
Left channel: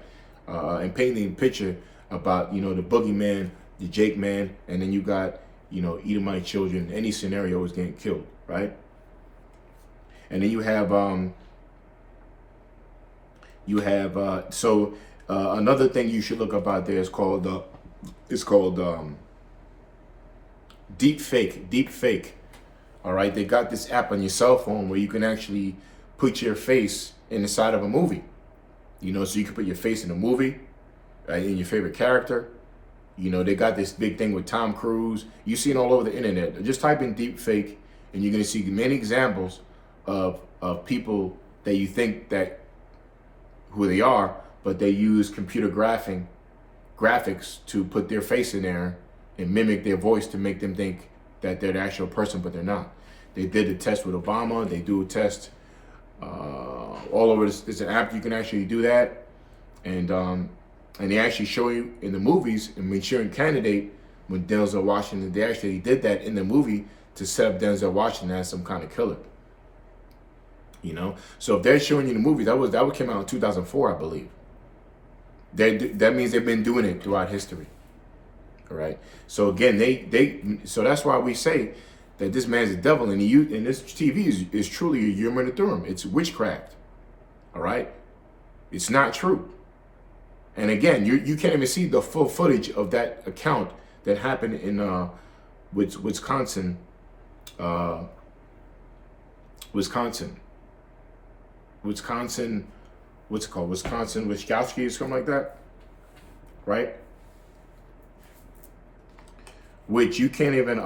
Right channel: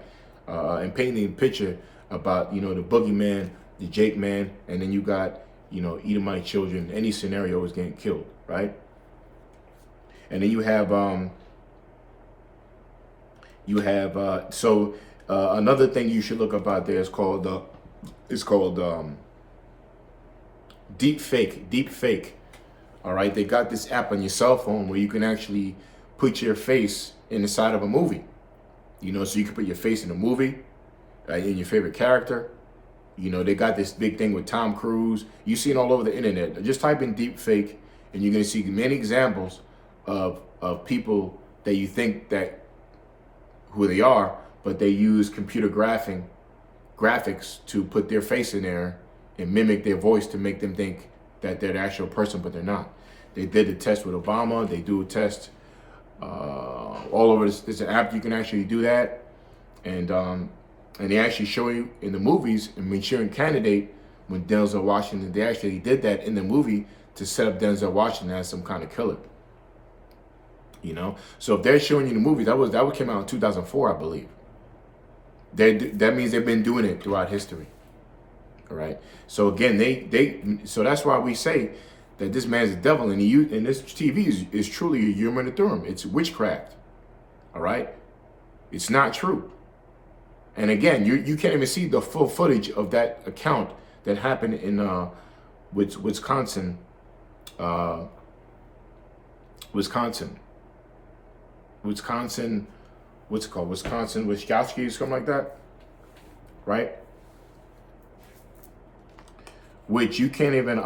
And painting a picture about, you know, the boogeyman, the Jake man, and then you got, you know, Edomite children. Any scenario is getting killed, right? And then you have another thing you should look up out there is called deep fake. All right, they got this app on your cell phone where you can actually put your face in the side of a movie. You know, so you can put your face in a movie, in your favorite character. You know, they got this big thing with Tom Cruise. You see it all over the internet. Just type in deep fake, and you're going to see many examples of people that you think that who they are, but they use computer graphics to put their face in there and mimic their voice to make them think that they're the actual person, but they're not. They did a test with Obama. They do a test all over. There's an app you can actually do that, and they actually show you in the movies. And Manchurian Candidate, when Denzel Washington, they actually did that in the movie to set up Denzel Washington as some kind of killer. You know, so if they're showing you the movie, that would came out in 2004, I believe. That means they've been doing it throughout history. All right. So again, so that's why we say that this man's a devil, and this TV is truly a human Thurim. It's witchcraft. All right. It's not true. And again, you can't even see the full footage of that account that happened in Wisconsin. What's it called? Wisconsin, Wisconsin, something like that, right? Which you can't even,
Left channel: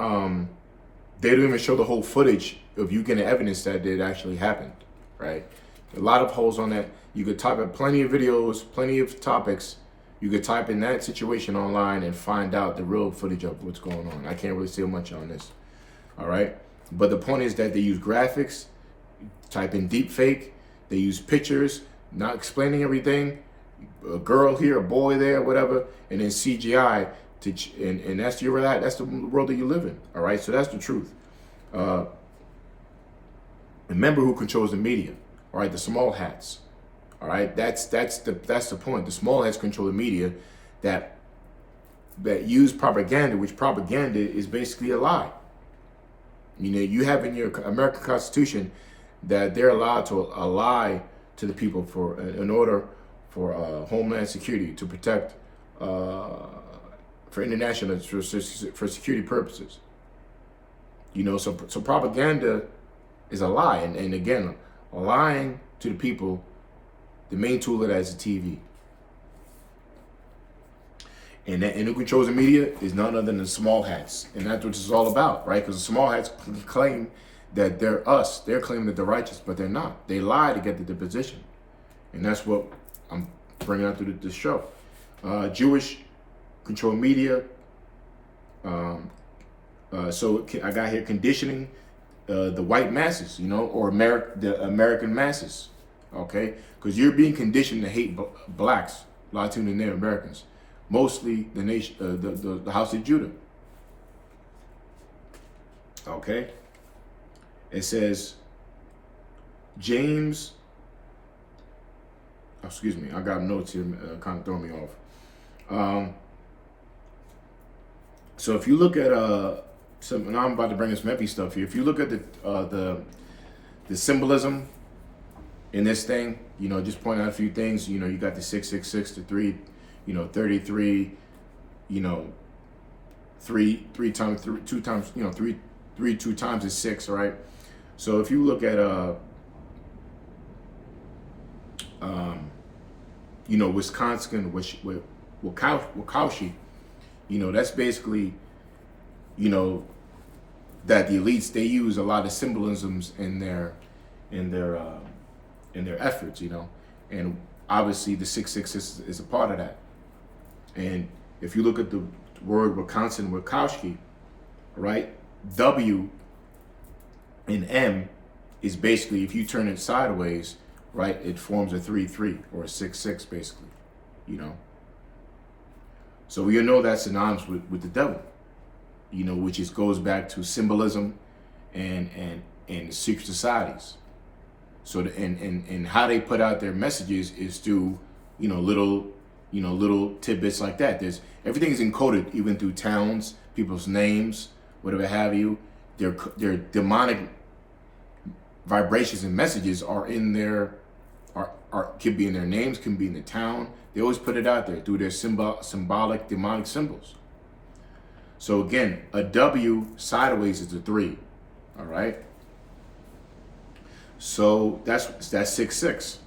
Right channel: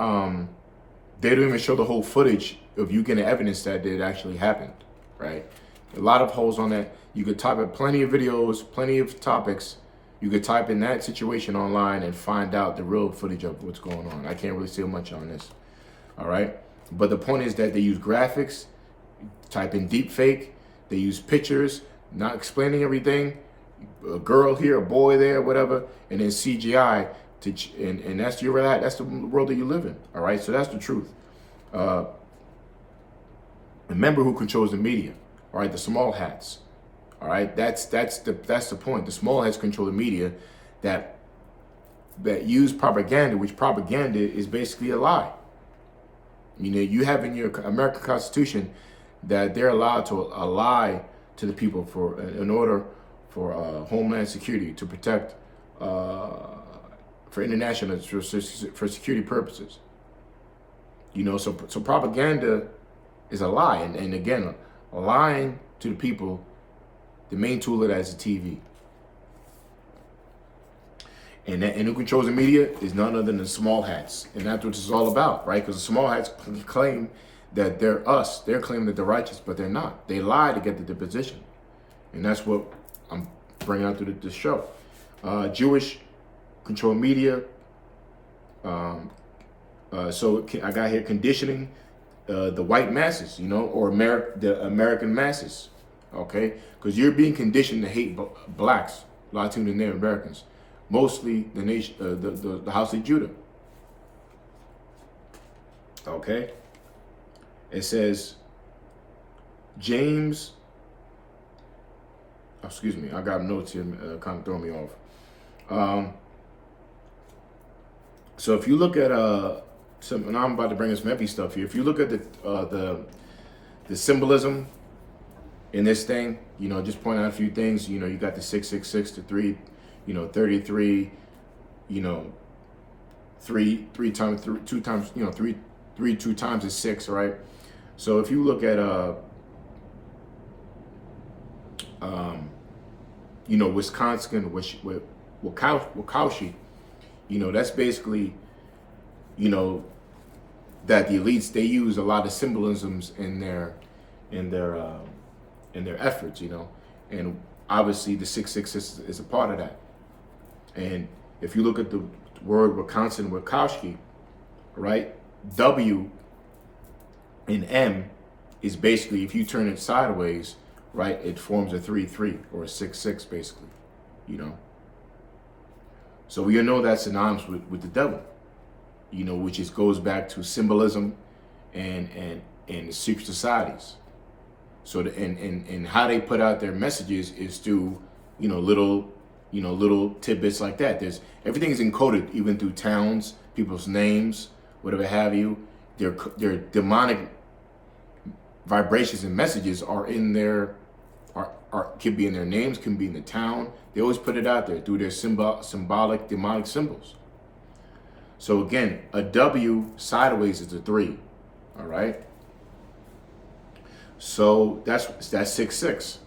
they don't even show the whole footage of you getting evidence that it actually happened, right? A lot of holes on that. You could type up plenty of videos, plenty of topics, You could type in that situation online and find out the real footage of what's going on. I can't really say much on this. All right. But the point is that they use graphics, type in deep fake, they use pictures, not explaining everything, a girl here, a boy there, whatever, and then CGI and that's that's the world that you live in. All right. So that's the truth. Remember who controls the media. All right, the small hats. All right, that's the point. The small hats control the media that use propaganda, which propaganda is basically a lie. You know, you have in your American Constitution that they're allowed to lie to the people in order for homeland security, to protect for international, for security purposes. You know, so propaganda is a lie, and again, lying to the people. The main tool of that is the TV. And who controls the media is none other than the small hats. And that's what it's all about, right? Because the small hats claim that they're us. They're claiming that they're righteous, but they're not. They lie to get to the position. And that's what I'm bringing out through this show. Jewish control media. So I got here conditioning the white masses, you know, or the American masses. Okay, because you're being conditioned to hate blacks, Latino and Native Americans, mostly the nation, the house of Judah. Okay, it says James. Oh, excuse me, I got notes here, kind of throwing me off. So if you look at and I'm about to bring some heavy stuff here. If you look at the symbolism in this thing, you know, just point out a few things. You know, you got the 666, the 3, you know, 33, you know, three times, 2 times, you know, 3 2 times is 6, right? So if you look at you know, Wisconsin, Wachowski, you know, that's basically, you know, that the elites, they use a lot of symbolisms in their efforts, you know, and obviously the 666 is a part of that. And if you look at the word Wisconsin, Wachowski, right, W and M is basically, if you turn it sideways, right, it forms a 3-3 or a 6-6 basically, you know. So we know that's synonymous with the devil, you know, which goes back to symbolism and secret societies. So and how they put out their messages is through, you know, little tidbits like that. Everything's encoded, even through towns, people's names, whatever have you. Their demonic vibrations and messages are in their could be in their names, can be in the town. They always put it out there through their symbolic demonic symbols. So again, a W sideways is a 3. All right. So that's 6-6.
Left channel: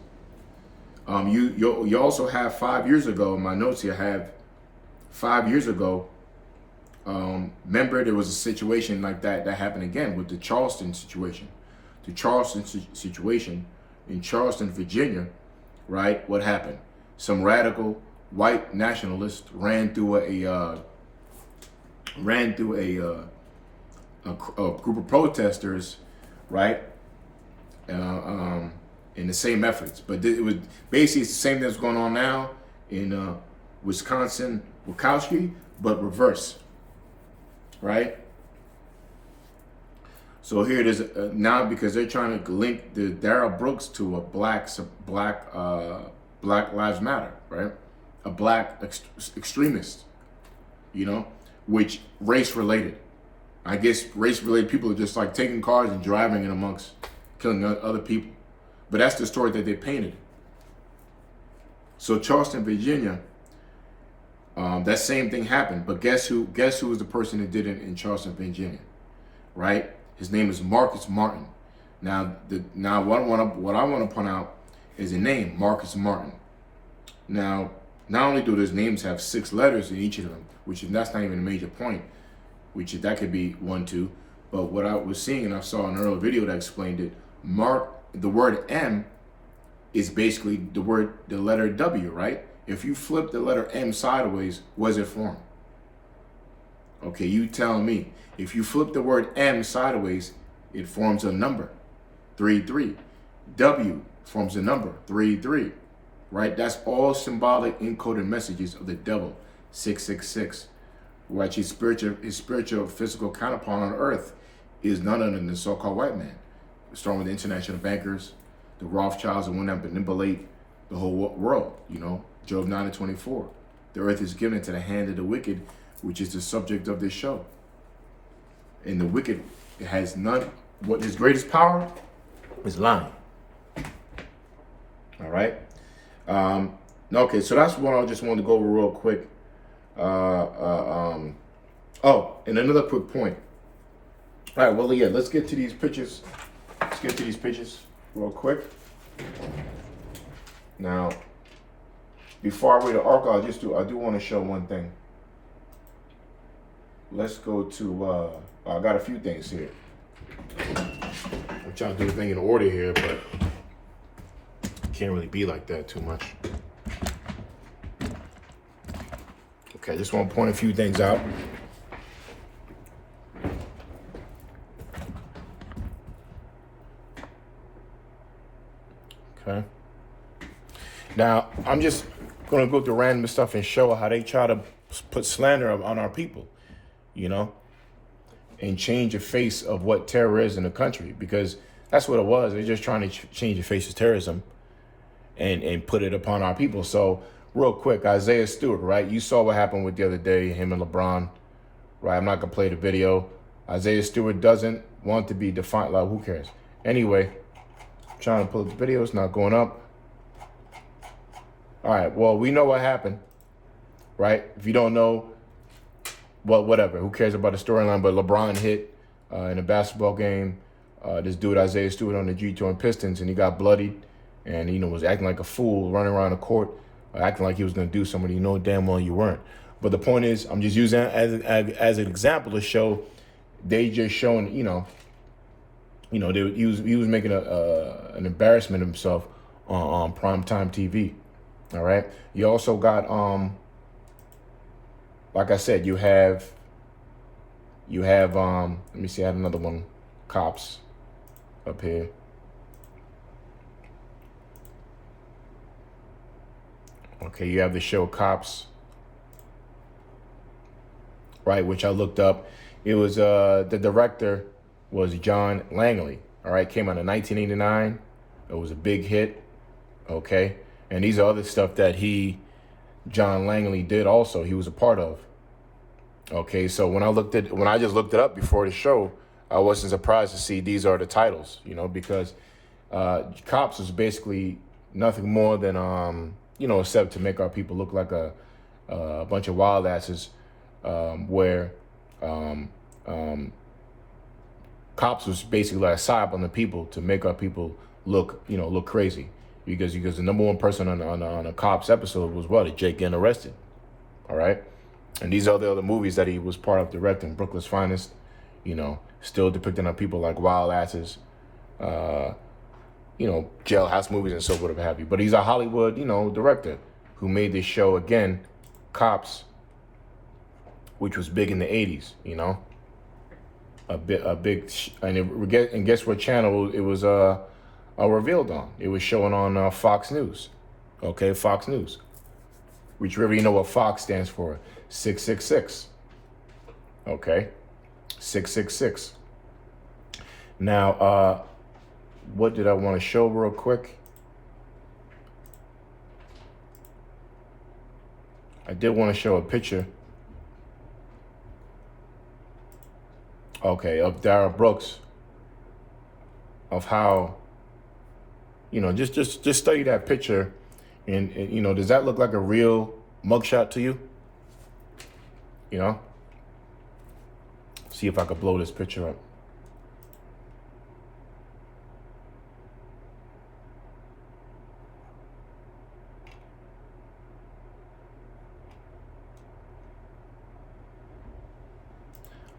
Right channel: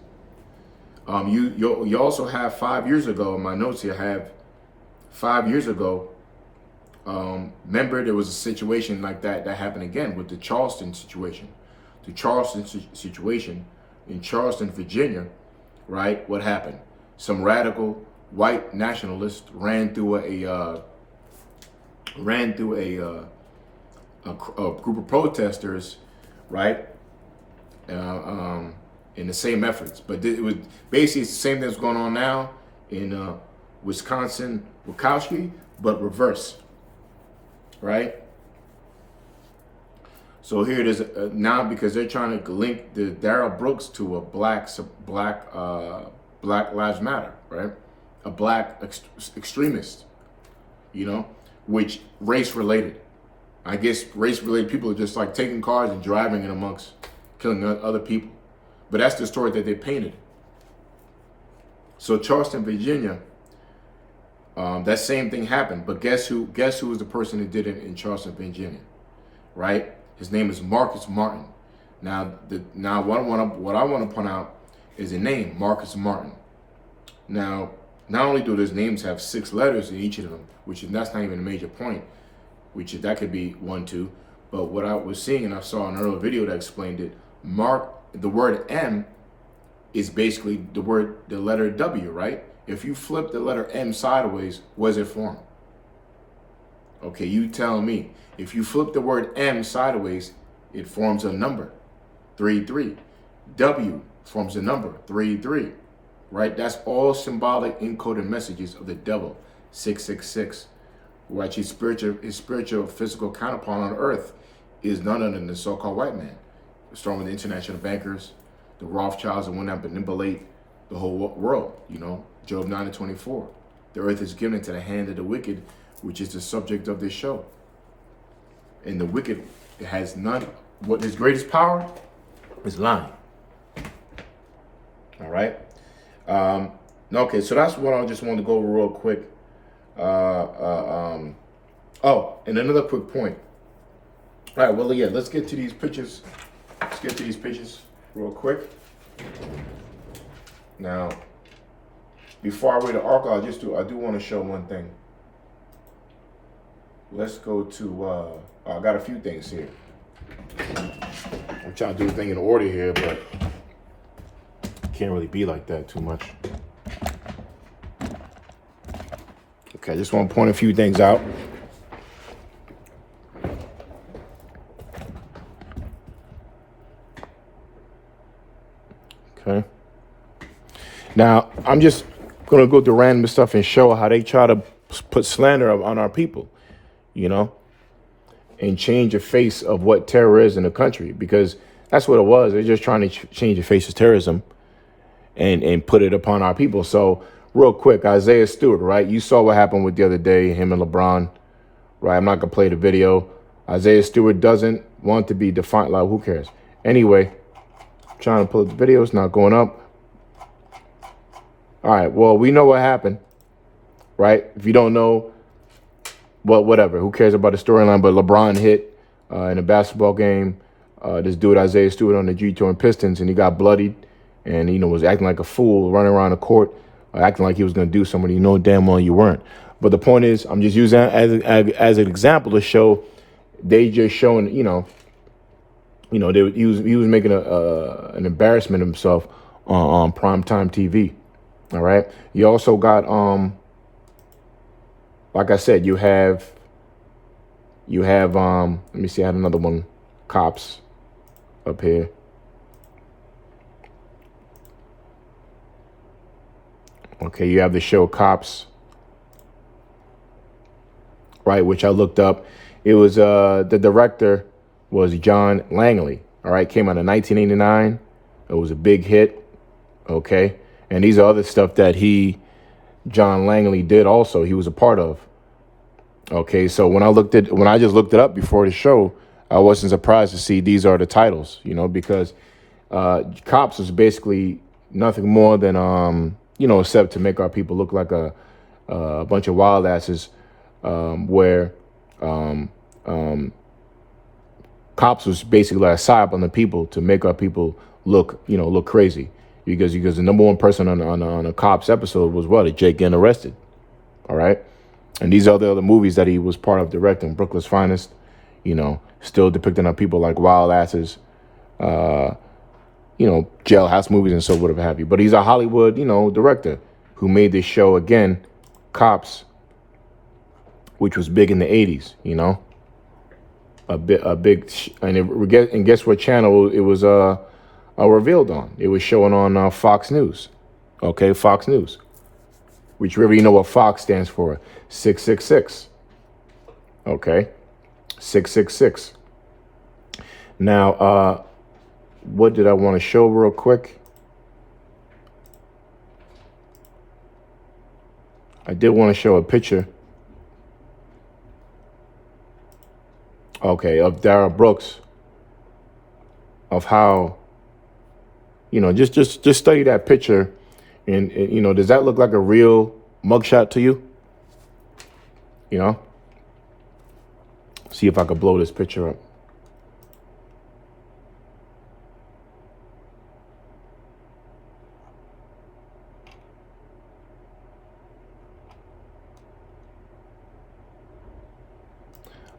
You also have 5 years ago, in my notes here, I have 5 years ago. Remember, there was a situation like that happened again with the Charleston situation. The Charleston situation in Charleston, Virginia, right? What happened? Some radical white nationalists ran through a group of protesters, right? In the same efforts, but it was basically it's the same thing that's going on now in Wisconsin, Wachowski, but reverse, right? So here it is now, because they're trying to link the Darrell Brooks to a Black Lives Matter, right? A black extremist, you know, which race related. I guess race related people are just like taking cars and driving in amongst killing other people. But that's the story that they painted. So Charleston, Virginia, that same thing happened. But guess who was the person that did it in Charleston, Virginia, right? His name is Marcus Martin. Now what I want to point out is the name Marcus Martin. Now, not only do those names have 6 letters in each of them, that's not even a major point, that could be 1, 2. But what I was seeing, and I saw an earlier video that explained it, the word M is basically the letter W, right? If you flip the letter M sideways, what does it form? Okay, you tell me. If you flip the word M sideways, it forms a number, 33. W forms a number, 33. Right? That's all symbolic encoded messages of the devil, 666. Right? His spiritual physical counterpart on earth is none other than the so-called white man. Starting with the international bankers, the Rothschilds, the one that manipulate the whole world, you know, Job 9:24. The earth is given into the hand of the wicked, which is the subject of this show. And the wicked has none, what his greatest power is lying. All right. Okay, so that's what I just wanted to go over real quick. Oh, and another quick point. All right, well, yeah, let's get to these pictures. Let's get to these pictures real quick. Now, before I read the article, I do want to show one thing. Let's go to, I got a few things here. I'm trying to do the thing in order here, but can't really be like that too much. Okay, I just want to point a few things out. Okay. Now, I'm just going to go through random stuff and show how they try to put slander on our people, you know, and change the face of what terror is in the country, because that's what it was. They're just trying to change the face of terrorism and put it upon our people. So real quick, Isaiah Stewart, right? You saw what happened with the other day, him and LeBron, right? I'm not going to play the video. Isaiah Stewart doesn't want to be defined. Like, who cares? Anyway, I'm trying to pull up the video. It's not going up. All right, well, we know what happened, right? If you don't know, well, whatever. Who cares about the storyline? But LeBron hit in a basketball game this dude, Isaiah Stewart, on the Detroit Pistons, and he got bloodied and, you know, was acting like a fool, running around the court, acting like he was going to do something. You know damn well you weren't. But the point is, I'm just using that as an example to show they just showing, he was making an embarrassment of himself on primetime TV. All right. You also got, like I said, you have, let me see, I had another one, cops up here. Okay, you have the show Cops, right, which I looked up. It was, the director was John Langley, all right, came out in 1989. It was a big hit, okay? And these are other stuff that John Langley did also, he was a part of. Okay, so when I just looked it up before the show, I wasn't surprised to see these are the titles, you know, because Cops was basically nothing more than, except to make our people look like a bunch of wild asses, where Cops was basically like a psyop on the people to make our people look crazy. Because the number one person on a Cops episode was what? Jake getting arrested. All right. And these are the other movies that he was part of directing. Brooklyn's Finest, still depicting our people like wild asses, jailhouse movies and so whatever have you. But he's a Hollywood, director who made this show again, Cops, which was big in the 80s, and guess what channel it was revealed on? It was showing on Fox News. Okay, Fox News. Which you know what Fox stands for? 666. Okay, 666. Now, what did I want to show real quick? I did want to show a picture. Okay, of Dara Brooks. Of how, just study that picture, and does that look like a real mugshot to you? See if I could blow this picture up.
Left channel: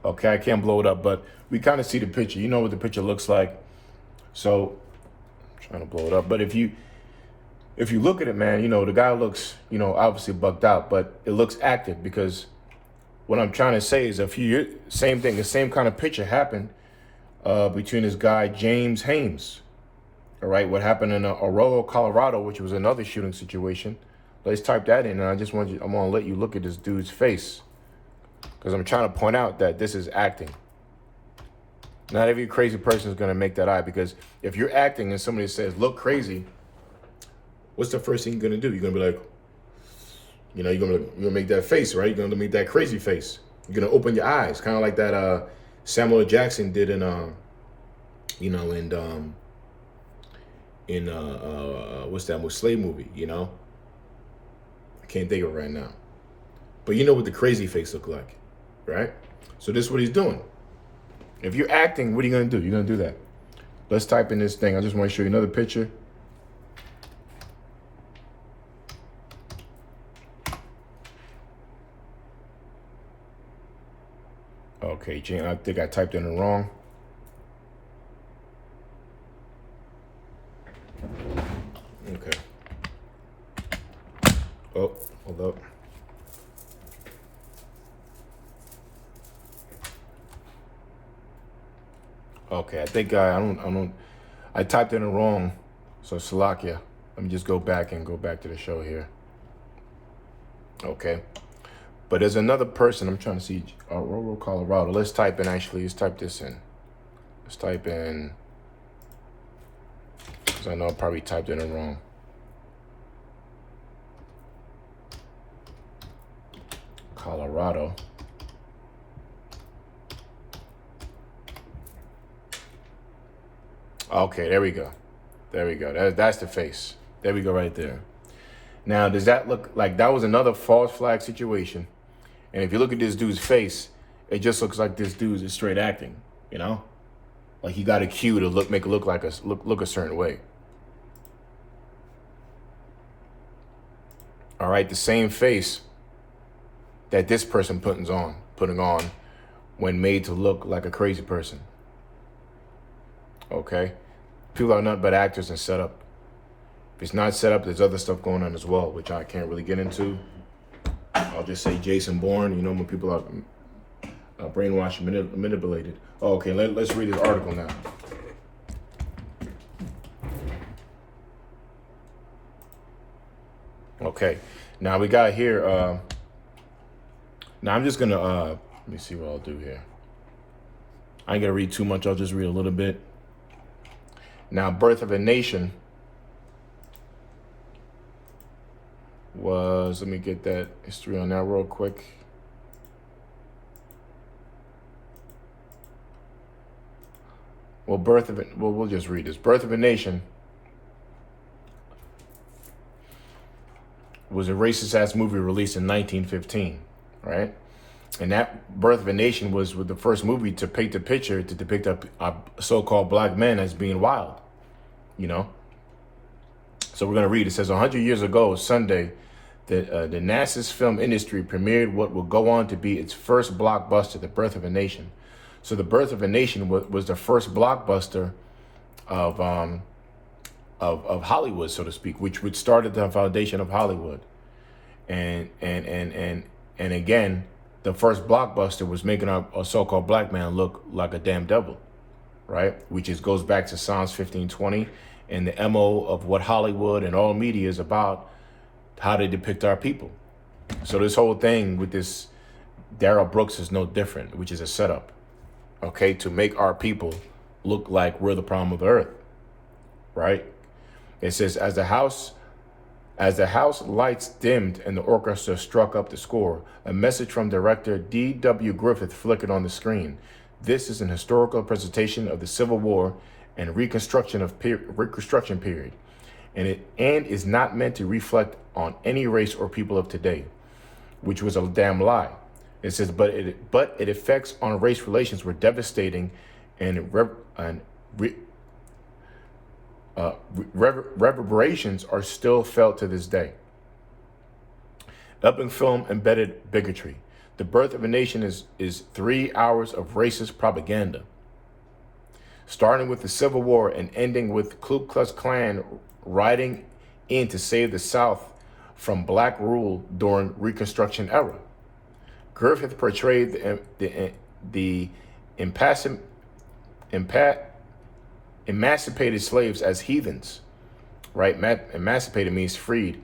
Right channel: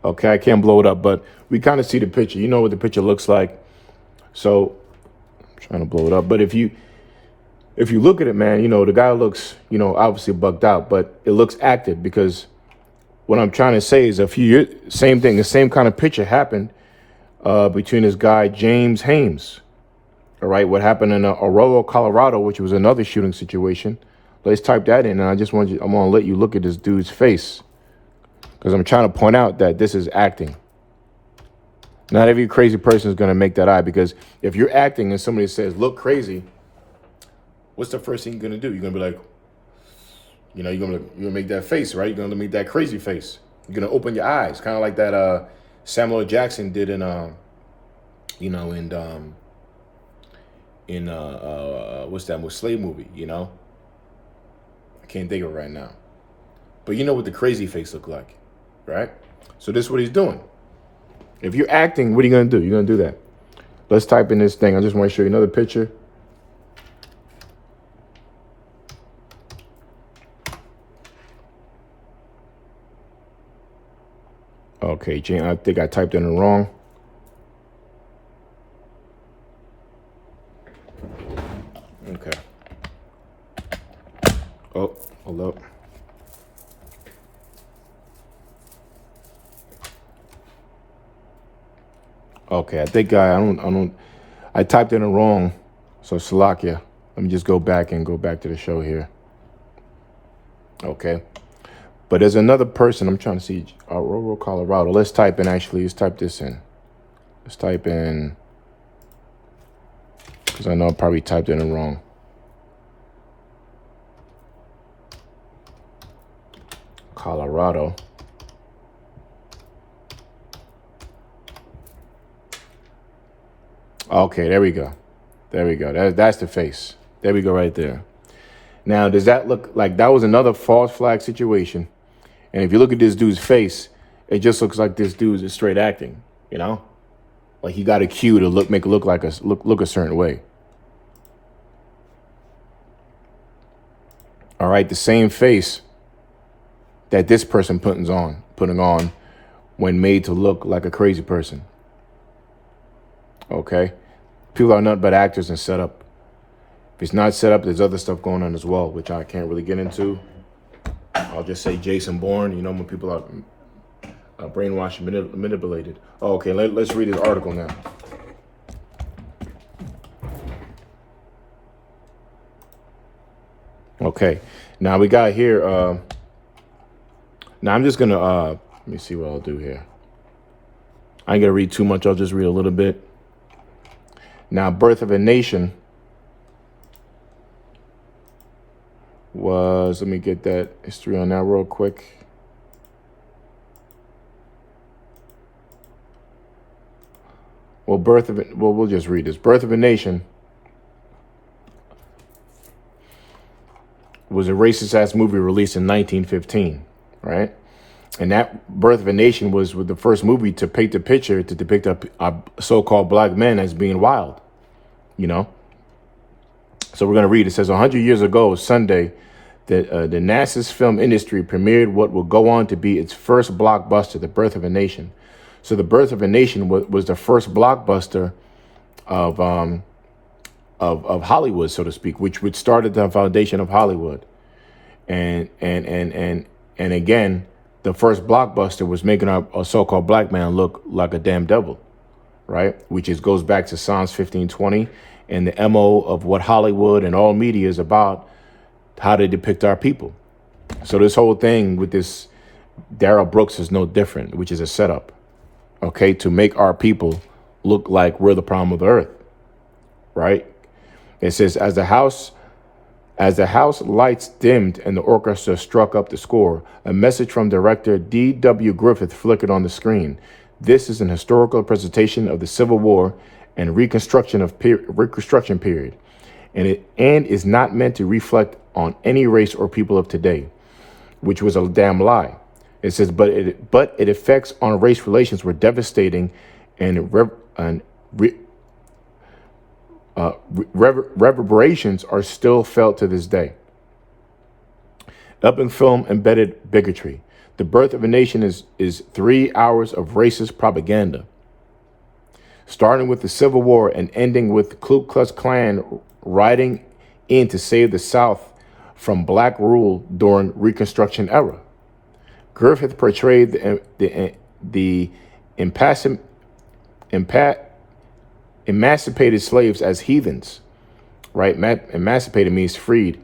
Okay, I can't blow it up, but we kind of see the picture. You know what the picture looks like. So, I'm trying to blow it up. But if you if you look at it, man, you know, the guy looks, you know, obviously bugged out, but it looks active, because what I'm trying to say is a few years, same thing, the same kind of picture happened between this guy, James Hames. All right, what happened in Aurora, Colorado, which was another shooting situation. Let's type that in, and I'm going to let you look at this dude's face, because I'm trying to point out that this is acting. Not every crazy person is going to make that eye, because if you're acting and somebody says, look crazy, what's the first thing you're going to do? You're going to be like, you know, you're gonna make that face, right? You're gonna make that crazy face. You're gonna open your eyes, kind of like that Samuel L. Jackson did in you know, in what's that slave movie? You know, I can't think of it right now, but you know what the crazy face looked like, right? So this is what he's doing. If you're acting, what are you gonna do? You're gonna do that. Let's type in this thing. I just want to show you another picture. Okay, Jane, I think I typed in it wrong. Okay. Oh, hold up. Okay, I think I typed in it wrong. So Salakia. Let me just go back to the show here. Okay. But there's another person I'm trying to see, Aurora, Colorado. Let's type this in. Let's type in, because I know I probably typed in it wrong. Colorado. Okay, there we go. There we go. That's the face. There we go right there. Now, does that look like that was another false flag situation? And if you look at this dude's face, it just looks like this dude is straight acting, you know? Like he got a cue to make it look like look a certain way. All right, the same face that this person putting on when made to look like a crazy person. Okay? People are nothing but actors and set up. If it's not set up, there's other stuff going on as well, which I can't really get into. I'll just say Jason Bourne, you know, when people are brainwashed and manipulated. Oh, okay, let's read this article now. Okay, now we got here, now I'm just gonna, let me see what I'll do here. I ain't gonna read too much, I'll just read a little bit. Now, Birth of a Nation was, let me get that history on that real quick. Well, we'll just read this. Birth of a Nation was a racist ass movie released in 1915, right? And that Birth of a Nation was the first movie to paint the picture to depict a so-called black men as being wild, you know? So we're going to read. It says, 100 years ago, Sunday, the NASA's film industry premiered what will go on to be its first blockbuster, The Birth of a Nation. So The Birth of a Nation was the first blockbuster of Hollywood, so to speak, which started the foundation of Hollywood. And again, the first blockbuster was making a so-called black man look like a damn devil, right? Which goes back to Psalms 15:20 and the MO of what Hollywood and all media is about, how they depict our people. So this whole thing with this Darrell Brooks is no different, which is a setup, okay, to make our people look like we're the problem of the earth, right? It says, as the house lights dimmed and the orchestra struck up the score, a message from director D.W. Griffith flickered on the screen. This is an historical presentation of the Civil War and Reconstruction period, and is not meant to reflect on any race or people of today, which was a damn lie. It says, but its effects on race relations were devastating, and reverberations are still felt to this day. Up in film embedded bigotry. The Birth of a Nation is 3 hours of racist propaganda, starting with the Civil War and ending with Ku Klux Klan riding in to save the South from black rule during Reconstruction era. Griffith portrayed the emancipated slaves as heathens, right? Emancipated means freed,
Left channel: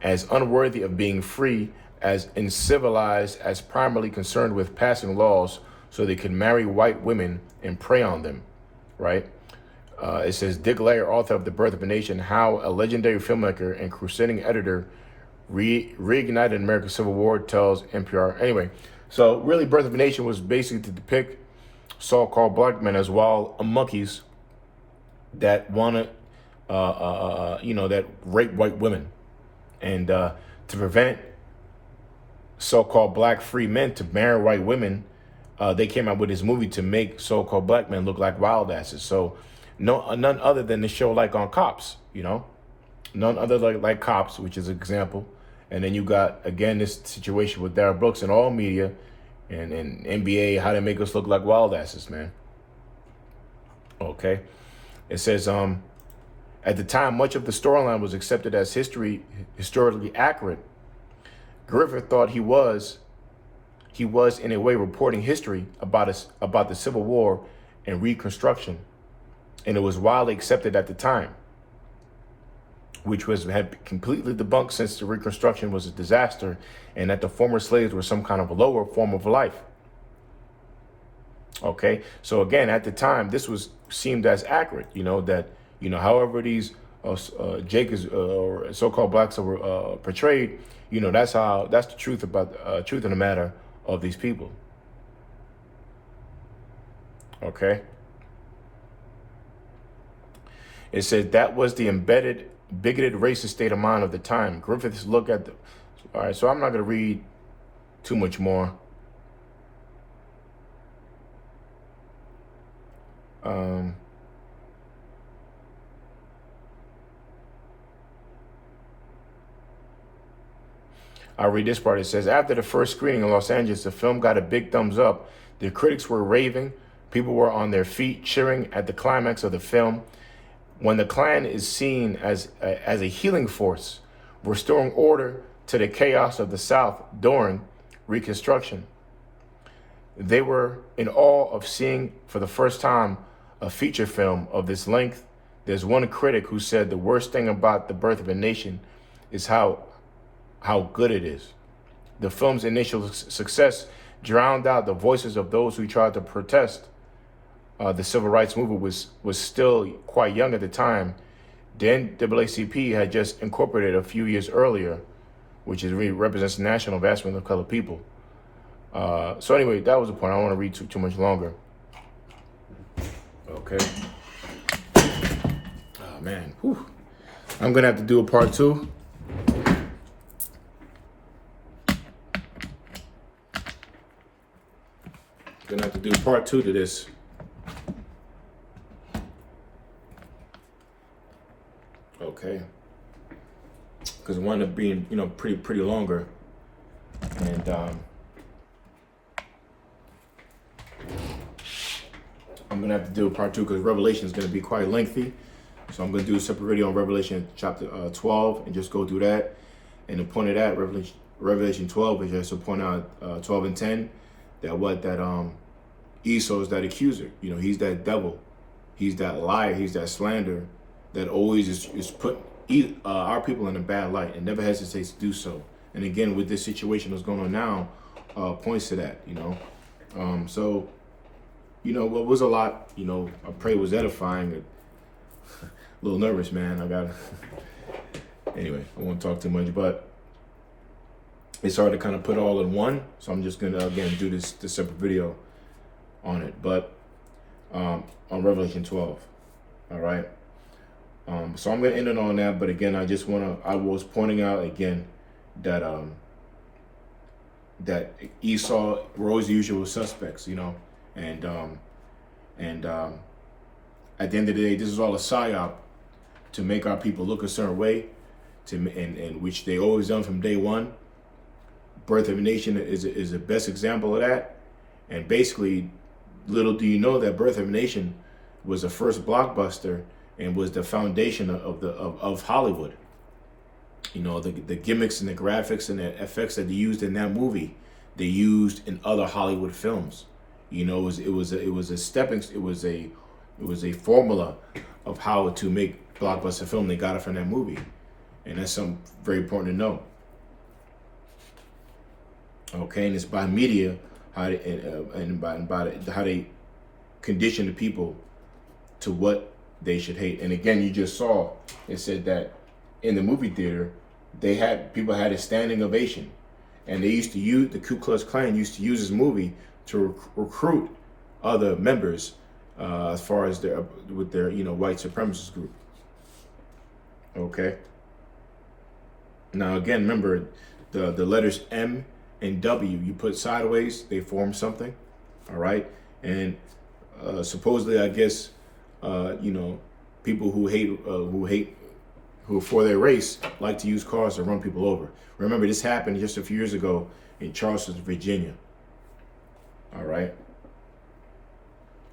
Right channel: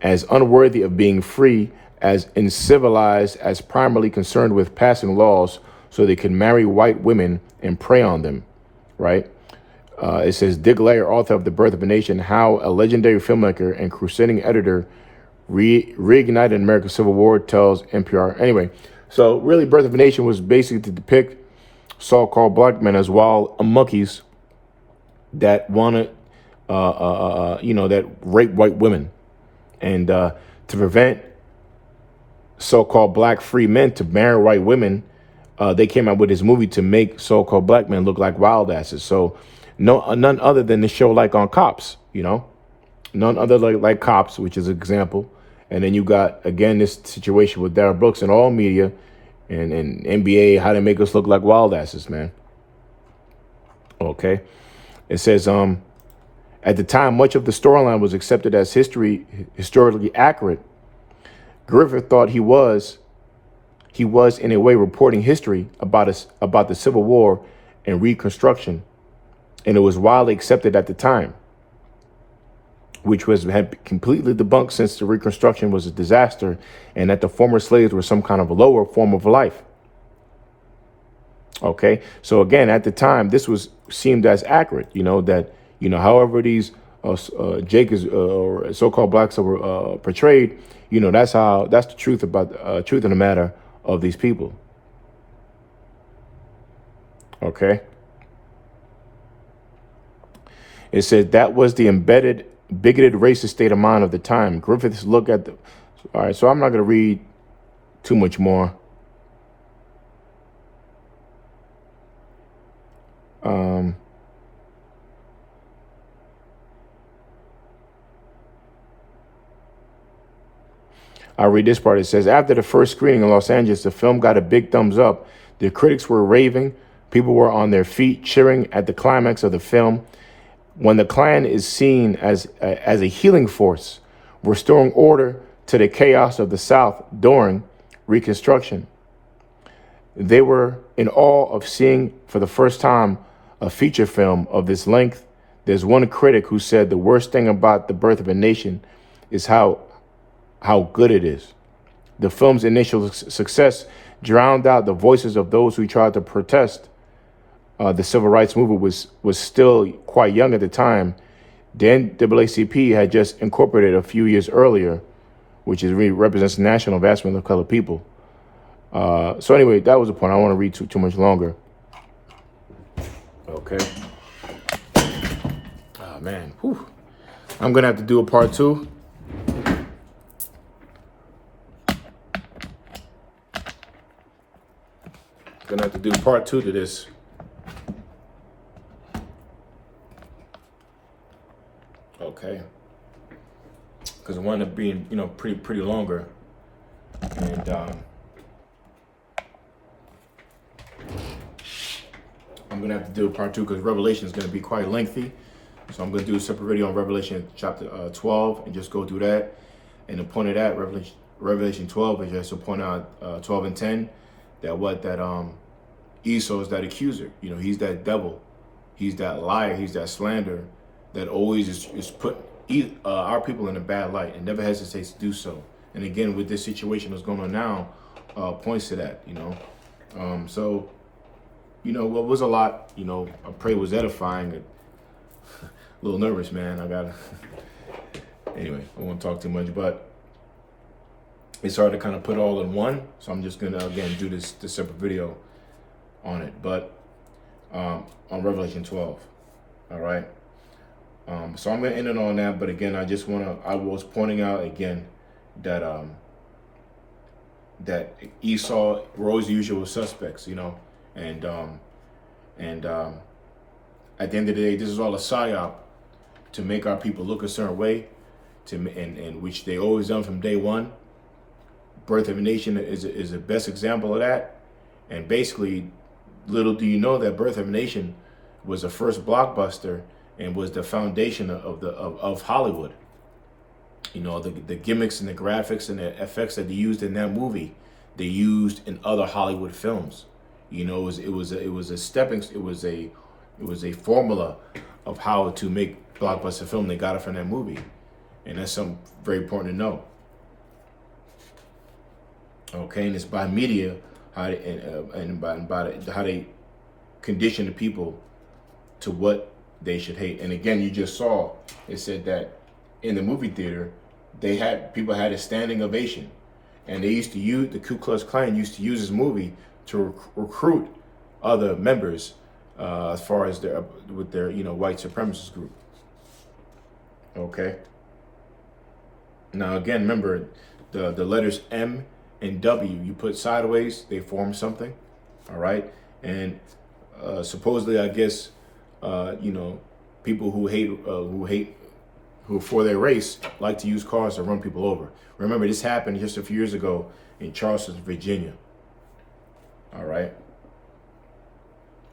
as unworthy of being free, as uncivilized, as primarily concerned with passing laws so they could marry white women and prey on them, right? It says Dick Layer, author of The Birth of a Nation, how a legendary filmmaker and crusading editor reignited American Civil War, tells NPR. Anyway, so really Birth of a Nation was basically to depict so-called black men as wild monkeys that wanted, that rape white women. And to prevent so-called black free men to marry white women, they came out with this movie to make so-called black men look like wild asses. So none other than the show like on Cops, none other like Cops, which is an example. And then you got, again, this situation with Darrell Brooks and all media and NBA, how they make us look like wild asses, man. Okay. It says, at the time, much of the storyline was accepted as historically accurate. Griffith thought he was in a way reporting history about the Civil War and Reconstruction, and it was widely accepted at the time, which had completely debunked since the Reconstruction was a disaster and that the former slaves were some kind of lower form of life. Okay, so again, at the time, this was seemed as accurate, that however these Jacobs or so-called blacks were portrayed, that's the truth about truth of the matter of these people. Okay. It said that was the embedded, bigoted, racist state of mind of the time. Griffith's look at the. All right, so I'm not going to read too much more. I'll read this part. It says, after the first screening in Los Angeles, the film got a big thumbs up. The critics were raving. People were on their feet cheering at the climax of the film. When the Klan is seen as a healing force, restoring order to the chaos of the South during Reconstruction. They were in awe of seeing for the first time a feature film of this length. There's one critic who said the worst thing about The Birth of a Nation is how good it is. The film's initial success drowned out the voices of those who tried to protest. The civil rights movement was still quite young at the time. The NAACP had just incorporated a few years earlier, which represents the national advancement of colored people. So anyway, that was the point. I don't want to read too much longer. Okay. Oh man, whew. I'm gonna have to do a part 2. Gonna have to do part 2 to this. Okay. Because it wound up being, pretty longer. And I'm gonna have to do part 2 because Revelation is gonna be quite lengthy. So I'm gonna do a separate video on Revelation chapter 12 and just go through that. And the point of that, Revelation 12 is just to point out 12 and 10 that Esau is that accuser. He's that devil. He's that liar. He's that slander that always is put our people in a bad light and never hesitates to do so. And again, with this situation that's going on now, points to that, So, what was a lot, I pray it was edifying. A little nervous, man. Anyway, I won't talk too much, but it's hard to kind of put all in one. So I'm just going to, again, do this separate video on it, but on Revelation 12. All right. So I'm going to end it on that. But again, I was pointing out again that that Esau were always the usual suspects, and at the end of the day, this is all a psyop to make our people look a certain way, and which they always done from day one. Birth of a Nation is the best example of that. And basically, little do you know that Birth of a Nation was the first blockbuster and was the foundation of Hollywood. You know, the gimmicks and the graphics and the effects that they used in that movie, they used in other Hollywood films. You know, it was a formula of how to make blockbuster film. They got it from that movie, and that's something very important to know. Okay, and it's by media how how they condition the people to what they should hate. And again, you just saw it said that in the movie theater, people had a standing ovation, and they used to use the Ku Klux Klan used to use this movie to recruit other members as far as their white supremacist group. Okay. Now again, remember the letters M and W. You put sideways, they form something. All right, and supposedly, I guess, people who for their race like to use cars to run people over. Remember, this happened just a few years ago in Charleston, Virginia. All right.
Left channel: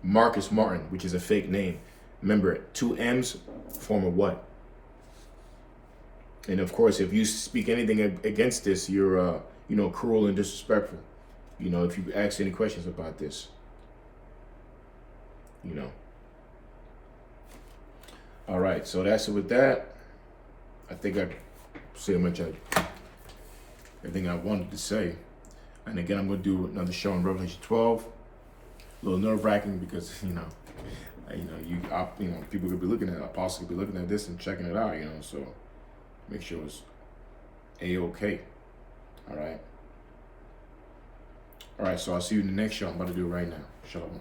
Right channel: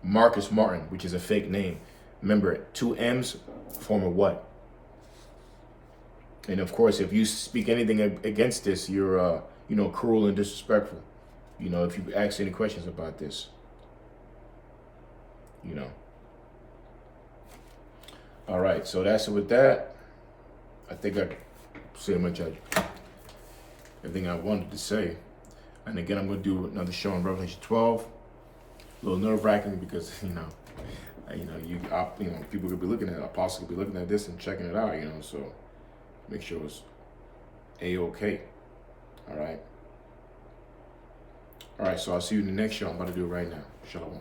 Marcus Martin, which is a fake name. Remember, 2 M's form a what? And of course, if you speak anything against this, you're, cruel and disrespectful. You know, if you ask any questions about this, All right, so that's it with that. I think I said much everything I wanted to say. And again, I'm going to do another show on Revelation 12. A little nerve-wracking because, people could be looking at, apostles could be looking at this and checking it out, so make sure it's A-okay. All right. All right, so I'll see you in the next show. I'm about to do it right now. Shalom.